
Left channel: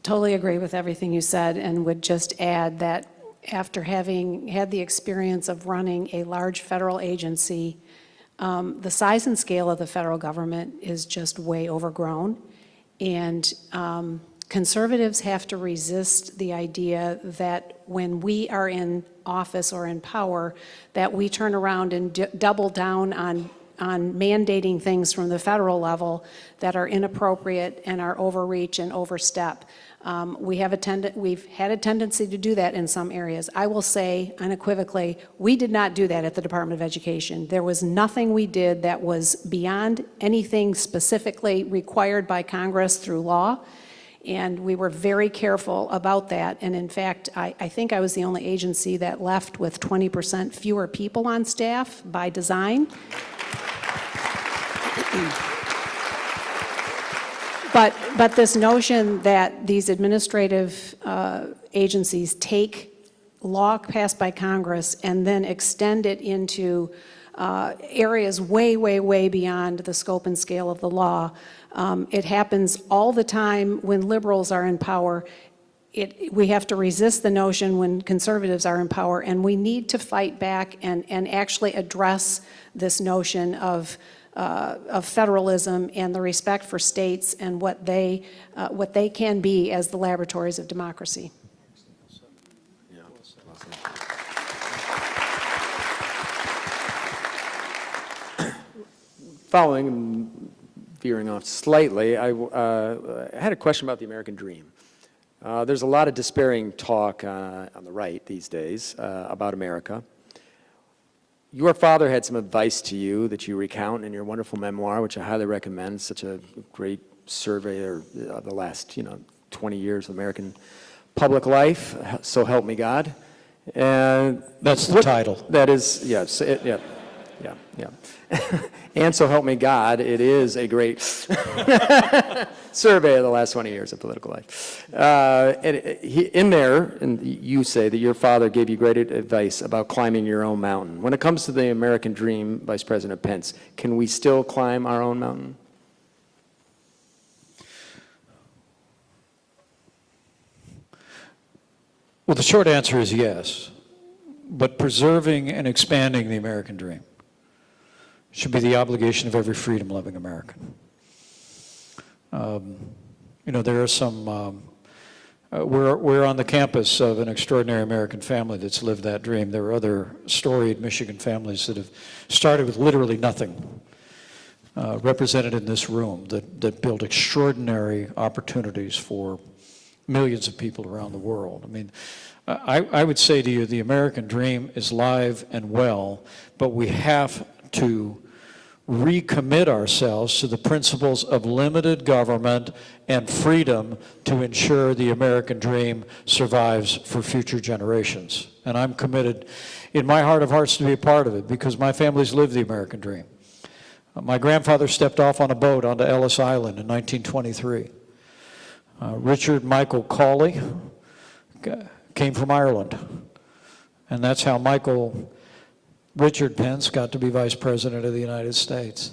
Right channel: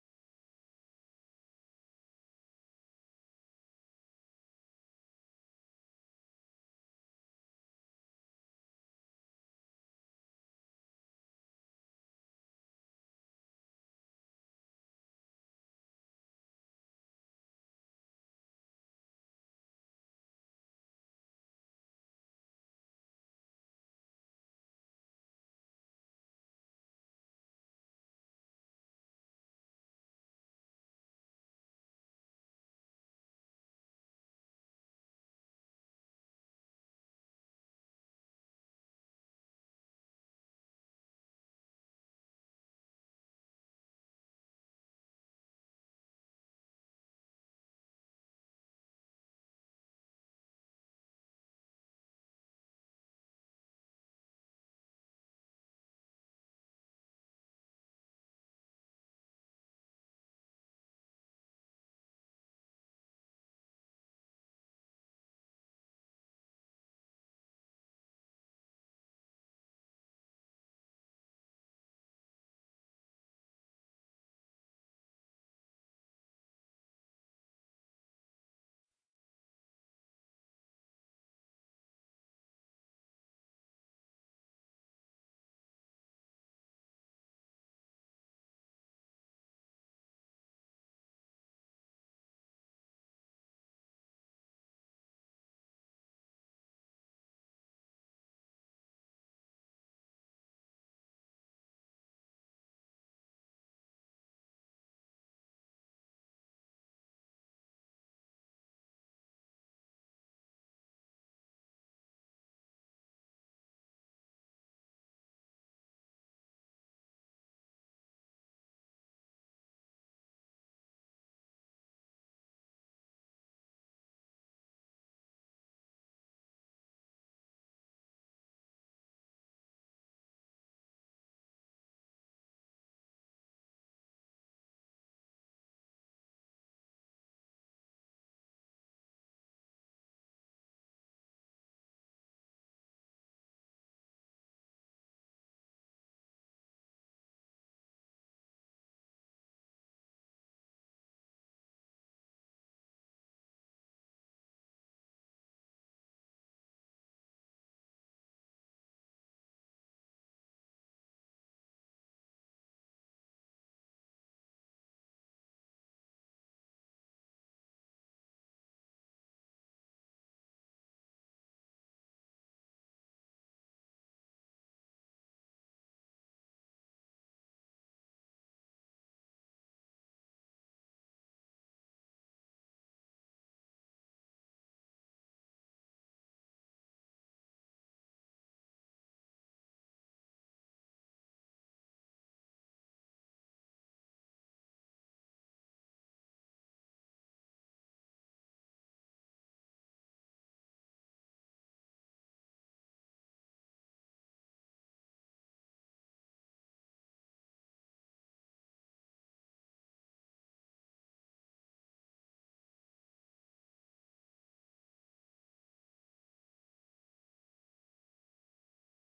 Totally agree with everything you said, and would just add that after having had the experience of running a large federal agency, the size and scale of the federal government is just way overgrown, and conservatives have to resist the idea that when we are in office or in power, that we turn around and double down on mandating things from the federal level that are inappropriate and are overreach and overstep. We've had a tendency to do that in some areas. I will say unequivocally, we did not do that at the Department of Education. There was nothing we did that was beyond anything specifically required by Congress through law, and we were very careful about that. And in fact, I think I was the only agency that left with 20% fewer people on staff by design. But this notion that these administrative agencies take law passed by Congress and then extend it into areas way, way, way beyond the scope and scale of the law, it happens all the time when liberals are in power. We have to resist the notion when conservatives are in power, and we need to fight back and actually address this notion of federalism and the respect for states and what they can be as the laboratories of democracy. Following and veering off slightly, I had a question about the American dream. There's a lot of despairing talk on the right these days about America. Your father had some advice to you that you recount in your wonderful memoir, which I highly recommend. Such a great survey of the last 20 years of American public life. So help me God. And that's the title. That is, yes, yeah. And so help me God, it is a great survey of the last 20 years of political life. In there, you say that your father gave you great advice about climbing your own mountain. When it comes to the American dream, Vice President Pence, can we still climb our own mountain? Well, the short answer is yes, but preserving and expanding the American dream should be the obligation of every freedom-loving American. There are some, we're on the campus of an extraordinary American family that's lived that dream. There are other storied Michigan families that have started with literally nothing, represented in this room, that built extraordinary opportunities for millions of people around the world. I mean, I would say to you, the American dream is live and well, but we have to recommit ourselves to the principles of limited government and freedom to ensure the American dream survives for future generations. And I'm committed in my heart of hearts to be a part of it because my family's lived the American dream. My grandfather stepped off on a boat onto Ellis Island in 1923. Richard Michael Cawley came from Ireland. And that's how Richard Pence got to be Vice President of the United States.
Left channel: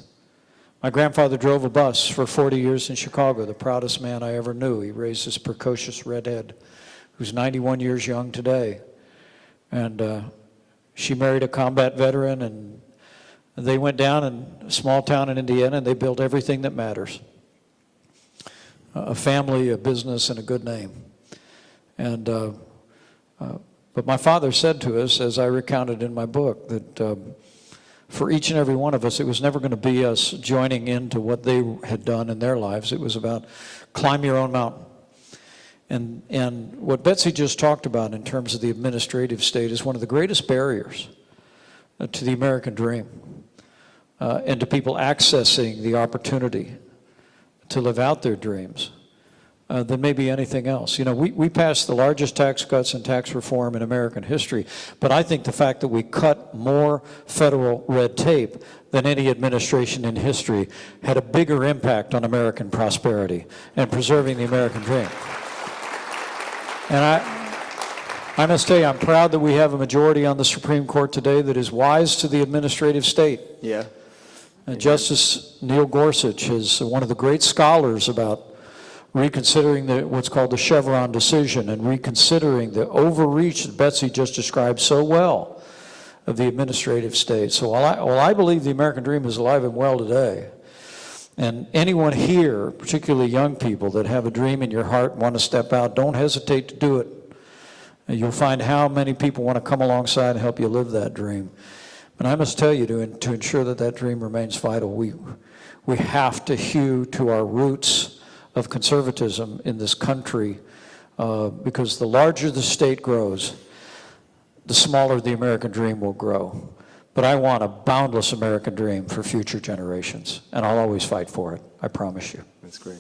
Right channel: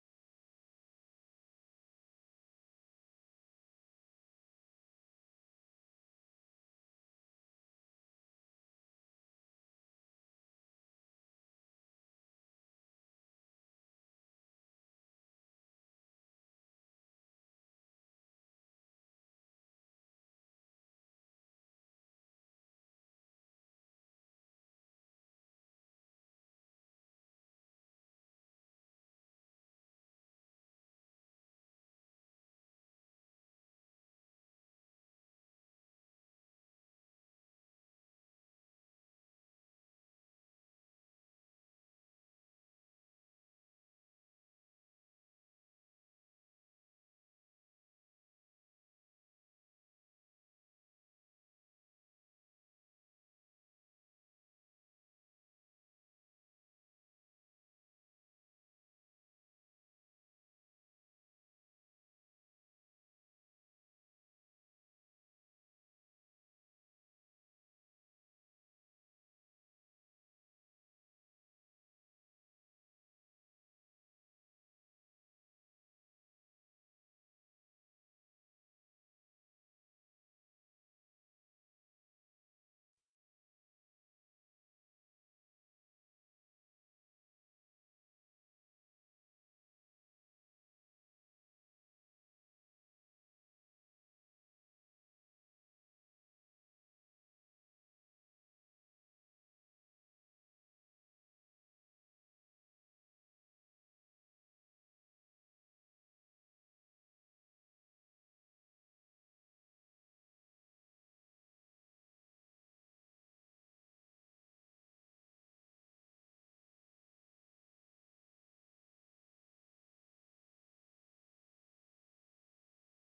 My grandfather drove a bus for 40 years in Chicago, the proudest man I ever knew. He raised this precocious redhead who's 91 years young today. And she married a combat veteran, and they went down in a small town in Indiana, and they built everything that matters. A family, a business, and a good name. And but my father said to us, as I recounted in my book, that for each and every one of us, it was never going to be us joining into what they had done in their lives. It was about climb your own mountain. And what Betsy just talked about in terms of the administrative state is one of the greatest barriers to the American dream and to people accessing the opportunity to live out their dreams. Than maybe anything else. We passed the largest tax cuts and tax reform in American history, but I think the fact that we cut more federal red tape than any administration in history had a bigger impact on American prosperity and preserving the American dream. And I must tell you, I'm proud that we have a majority on the Supreme Court today that is wise to the administrative state. Yeah. Justice Neil Gorsuch is one of the great scholars about reconsidering what's called the Chevron decision and reconsidering the overreach that Betsy just described so well of the administrative state. So while I believe the American dream is alive and well today, and anyone here, particularly young people that have a dream in your heart and want to step out, don't hesitate to do it. And you'll find how many people want to come alongside and help you live that dream. But I must tell you, to ensure that that dream remains vital, we have to hew to our roots of conservatism in this country, because the larger the state grows, the smaller the American dream will grow. But I want a boundless American dream for future generations, and I'll always fight for it, I promise you. That's great.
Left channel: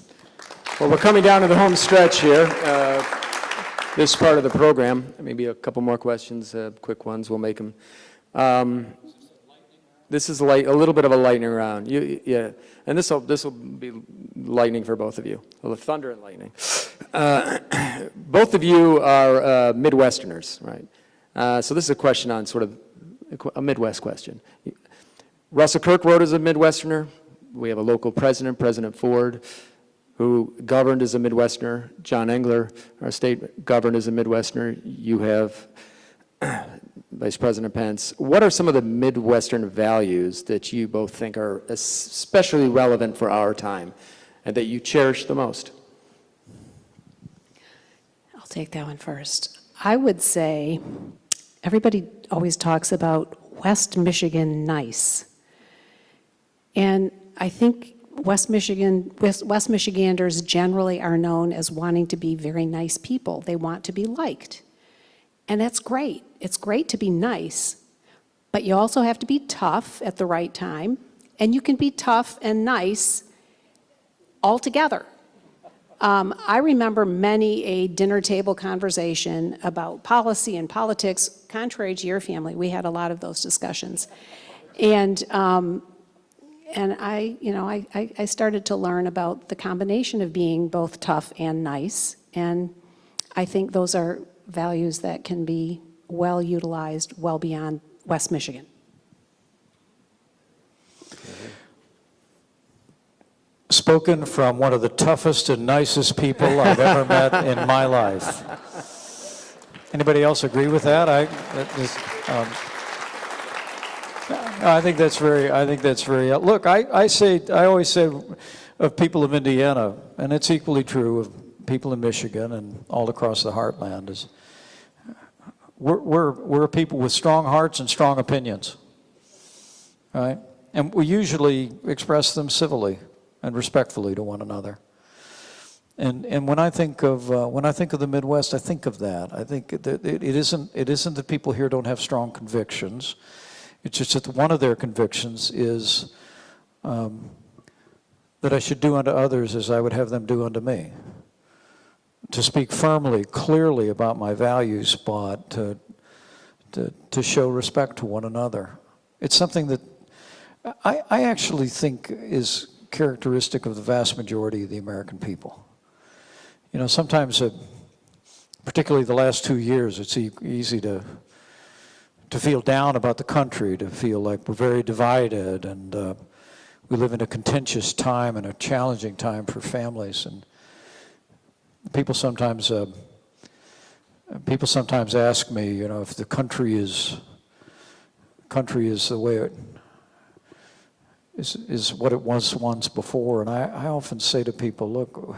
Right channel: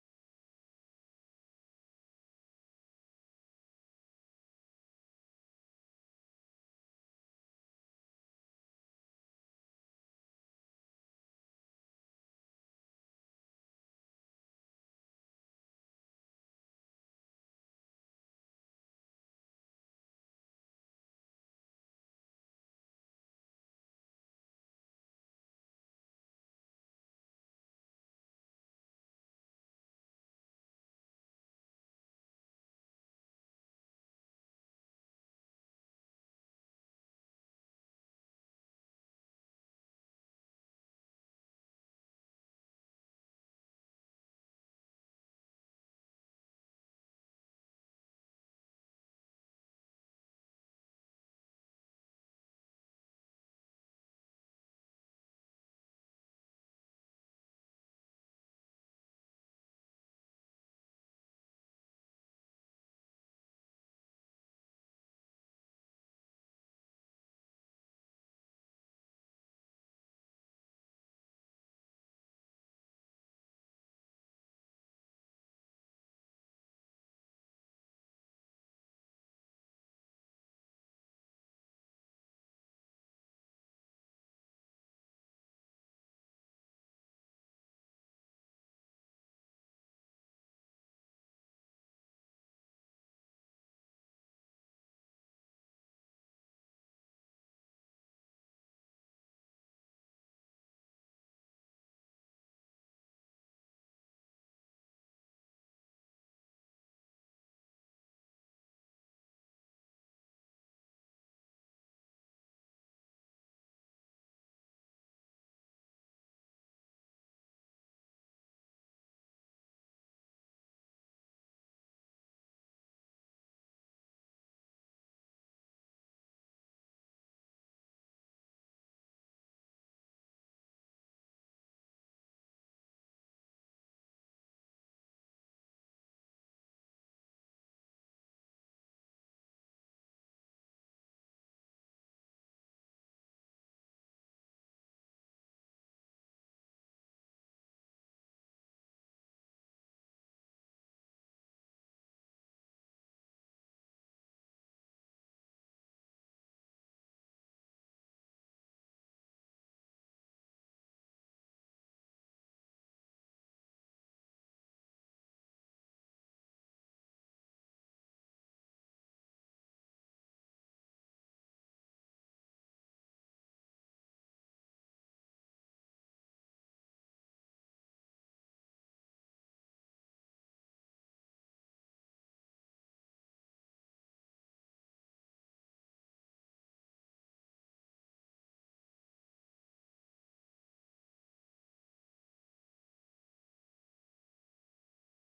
Well, we're coming down to the home stretch here. This part of the program, maybe a couple more questions, quick ones, we'll make them. This is a little bit of a lightning round. Yeah. And this will be lightning for both of you. Well, thunder and lightning. Both of you are Midwesterners, right? So this is a question on sort of a Midwest question. Russell Kirk wrote as a Midwesterner. We have a local president, President Ford, who governed as a Midwesterner. John Engler, our state, governed as a Midwesterner. You have Vice President Pence. What are some of the Midwestern values that you both think are especially relevant for our time and that you cherish the most? I'll take that one first. I would say everybody always talks about West Michigan nice. And I think West Michiganders generally are known as wanting to be very nice people. They want to be liked. And that's great. It's great to be nice, but you also have to be tough at the right time, and you can be tough and nice all together. I remember many a dinner table conversation about policy and politics. Contrary to your family, we had a lot of those discussions. And I started to learn about the combination of being both tough and nice, and I think those are values that can be well utilized well beyond West Michigan. Spoken from one of the toughest and nicest people I've ever met in my life. Anybody else agree with that? I think that's very. Look, I always say, of people of Indiana, and it's equally true of people in Michigan and all across the heartland, is we're a people with strong hearts and strong opinions, right? And we usually express them civilly and respectfully to one another. And when I think of the Midwest, I think of that. I think that it isn't that people here don't have strong convictions. It's just that one of their convictions is that I should do unto others as I would have them do unto me. To speak firmly, clearly about my values, but to show respect to one another. It's something that I actually think is characteristic of the vast majority of the American people. You know, sometimes, particularly the last 2 years, it's easy to feel down about the country, to feel like we're very divided, and we live in a contentious time and a challenging time for families. And people sometimes ask me, you know, if the country is the way it is what it was once before. And I often say to people, look,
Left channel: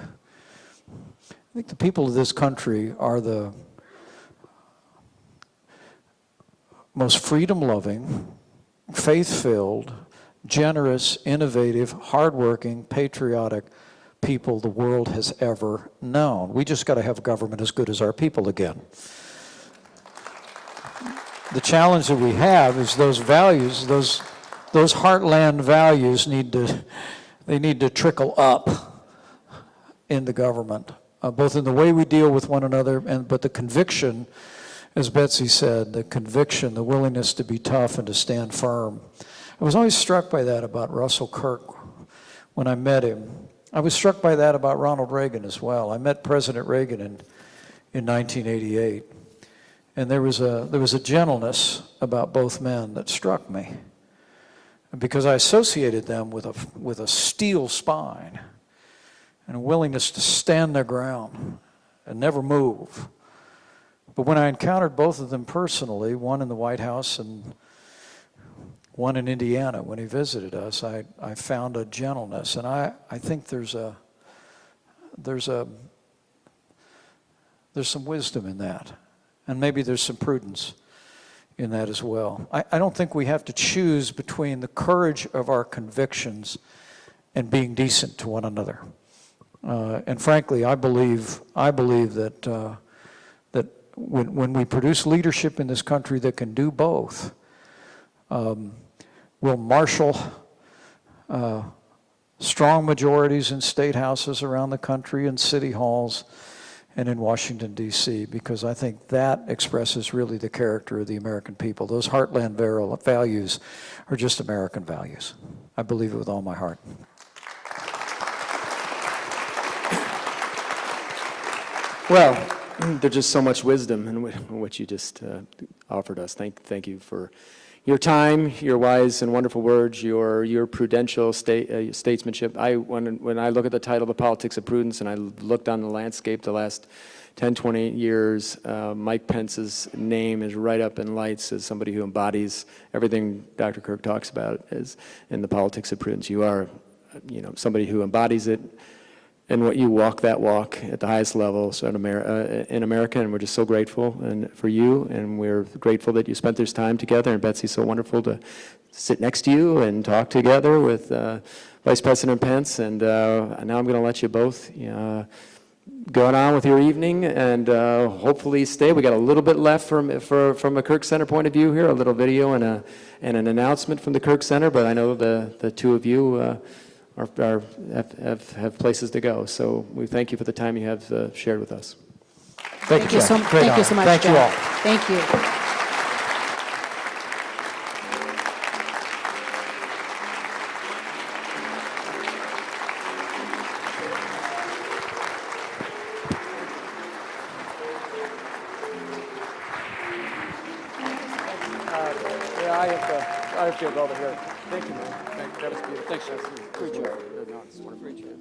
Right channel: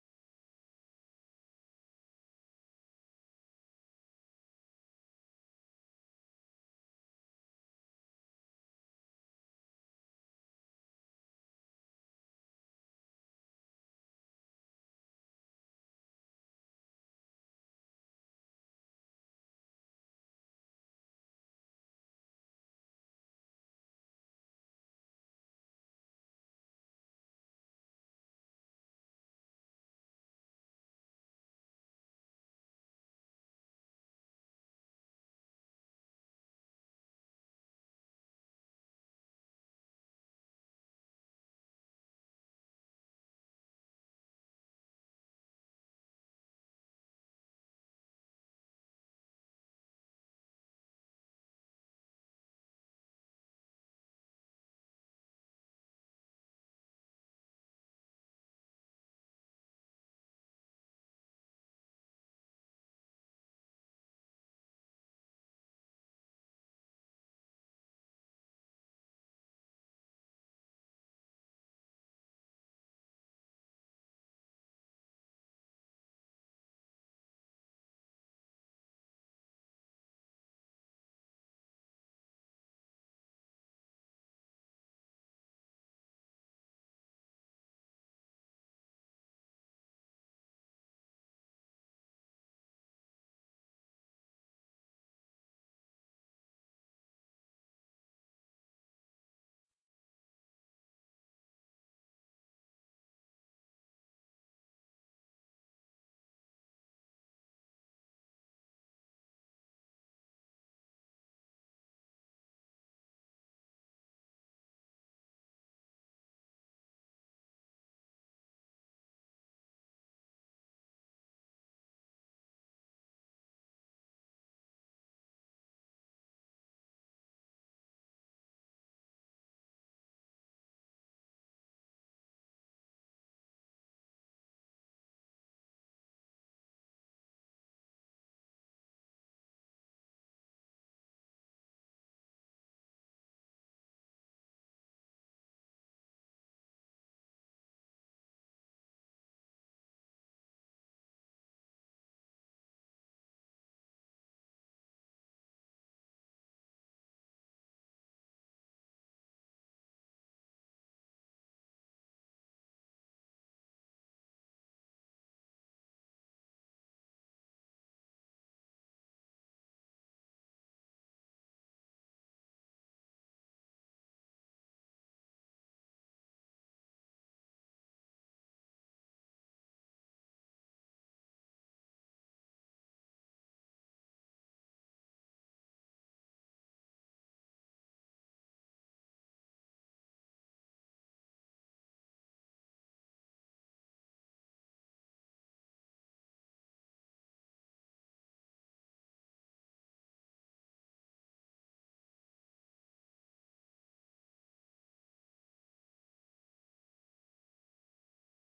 I think the people of this country are the most freedom-loving, faith-filled, generous, innovative, hardworking, patriotic people the world has ever known. We just got to have a government as good as our people again. The challenge that we have is those values, those heartland values need to trickle up in the government, both in the way we deal with one another, but the conviction, as Betsy said, the conviction, the willingness to be tough and to stand firm. I was always struck by that about Russell Kirk when I met him. I was struck by that about Ronald Reagan as well. I met President Reagan in 1988, and there was a gentleness about both men that struck me, because I associated them with a steel spine and a willingness to stand their ground and never move. But when I encountered both of them personally, one in the White House and one in Indiana when he visited us, I found a gentleness, and I think there's some wisdom in that, and maybe there's some prudence in that as well. I don't think we have to choose between the courage of our convictions and being decent to one another. And frankly, I believe that that when we produce leadership in this country that can do both, we'll marshal strong majorities in state houses around the country, in city halls, and in Washington, D.C., because I think that expresses really the character of the American people. Those heartland values are just American values. I believe it with all my heart. Well, there's just so much wisdom in what you just offered us. Thank you for your time, your wise and wonderful words, your prudential statesmanship. When I look at the title, The Politics of Prudence, and I looked on the landscape the last 10, 20 years, Mike Pence's name is right up in lights as somebody who embodies everything Dr. Kirk talks about as in the politics of prudence. You are, somebody who embodies it, and what you walk that walk at the highest level in America, and we're just so grateful for you, and we're grateful that you spent this time together, and Betsy's so wonderful to sit next to you and talk together with Vice President Pence, and now I'm going to let you both go on with your evening, and hopefully stay. We got a little bit left from a Kirk Center point of view here, a little video and an announcement from the Kirk Center, but I know the two of you have places to go. So we thank you for the time you have shared with us. Thank you so much. Thank you all. Thank you. I have to go over here. Thank you, man. That was beautiful. Thanks, Preacher. No, it's wonderful. Preacher.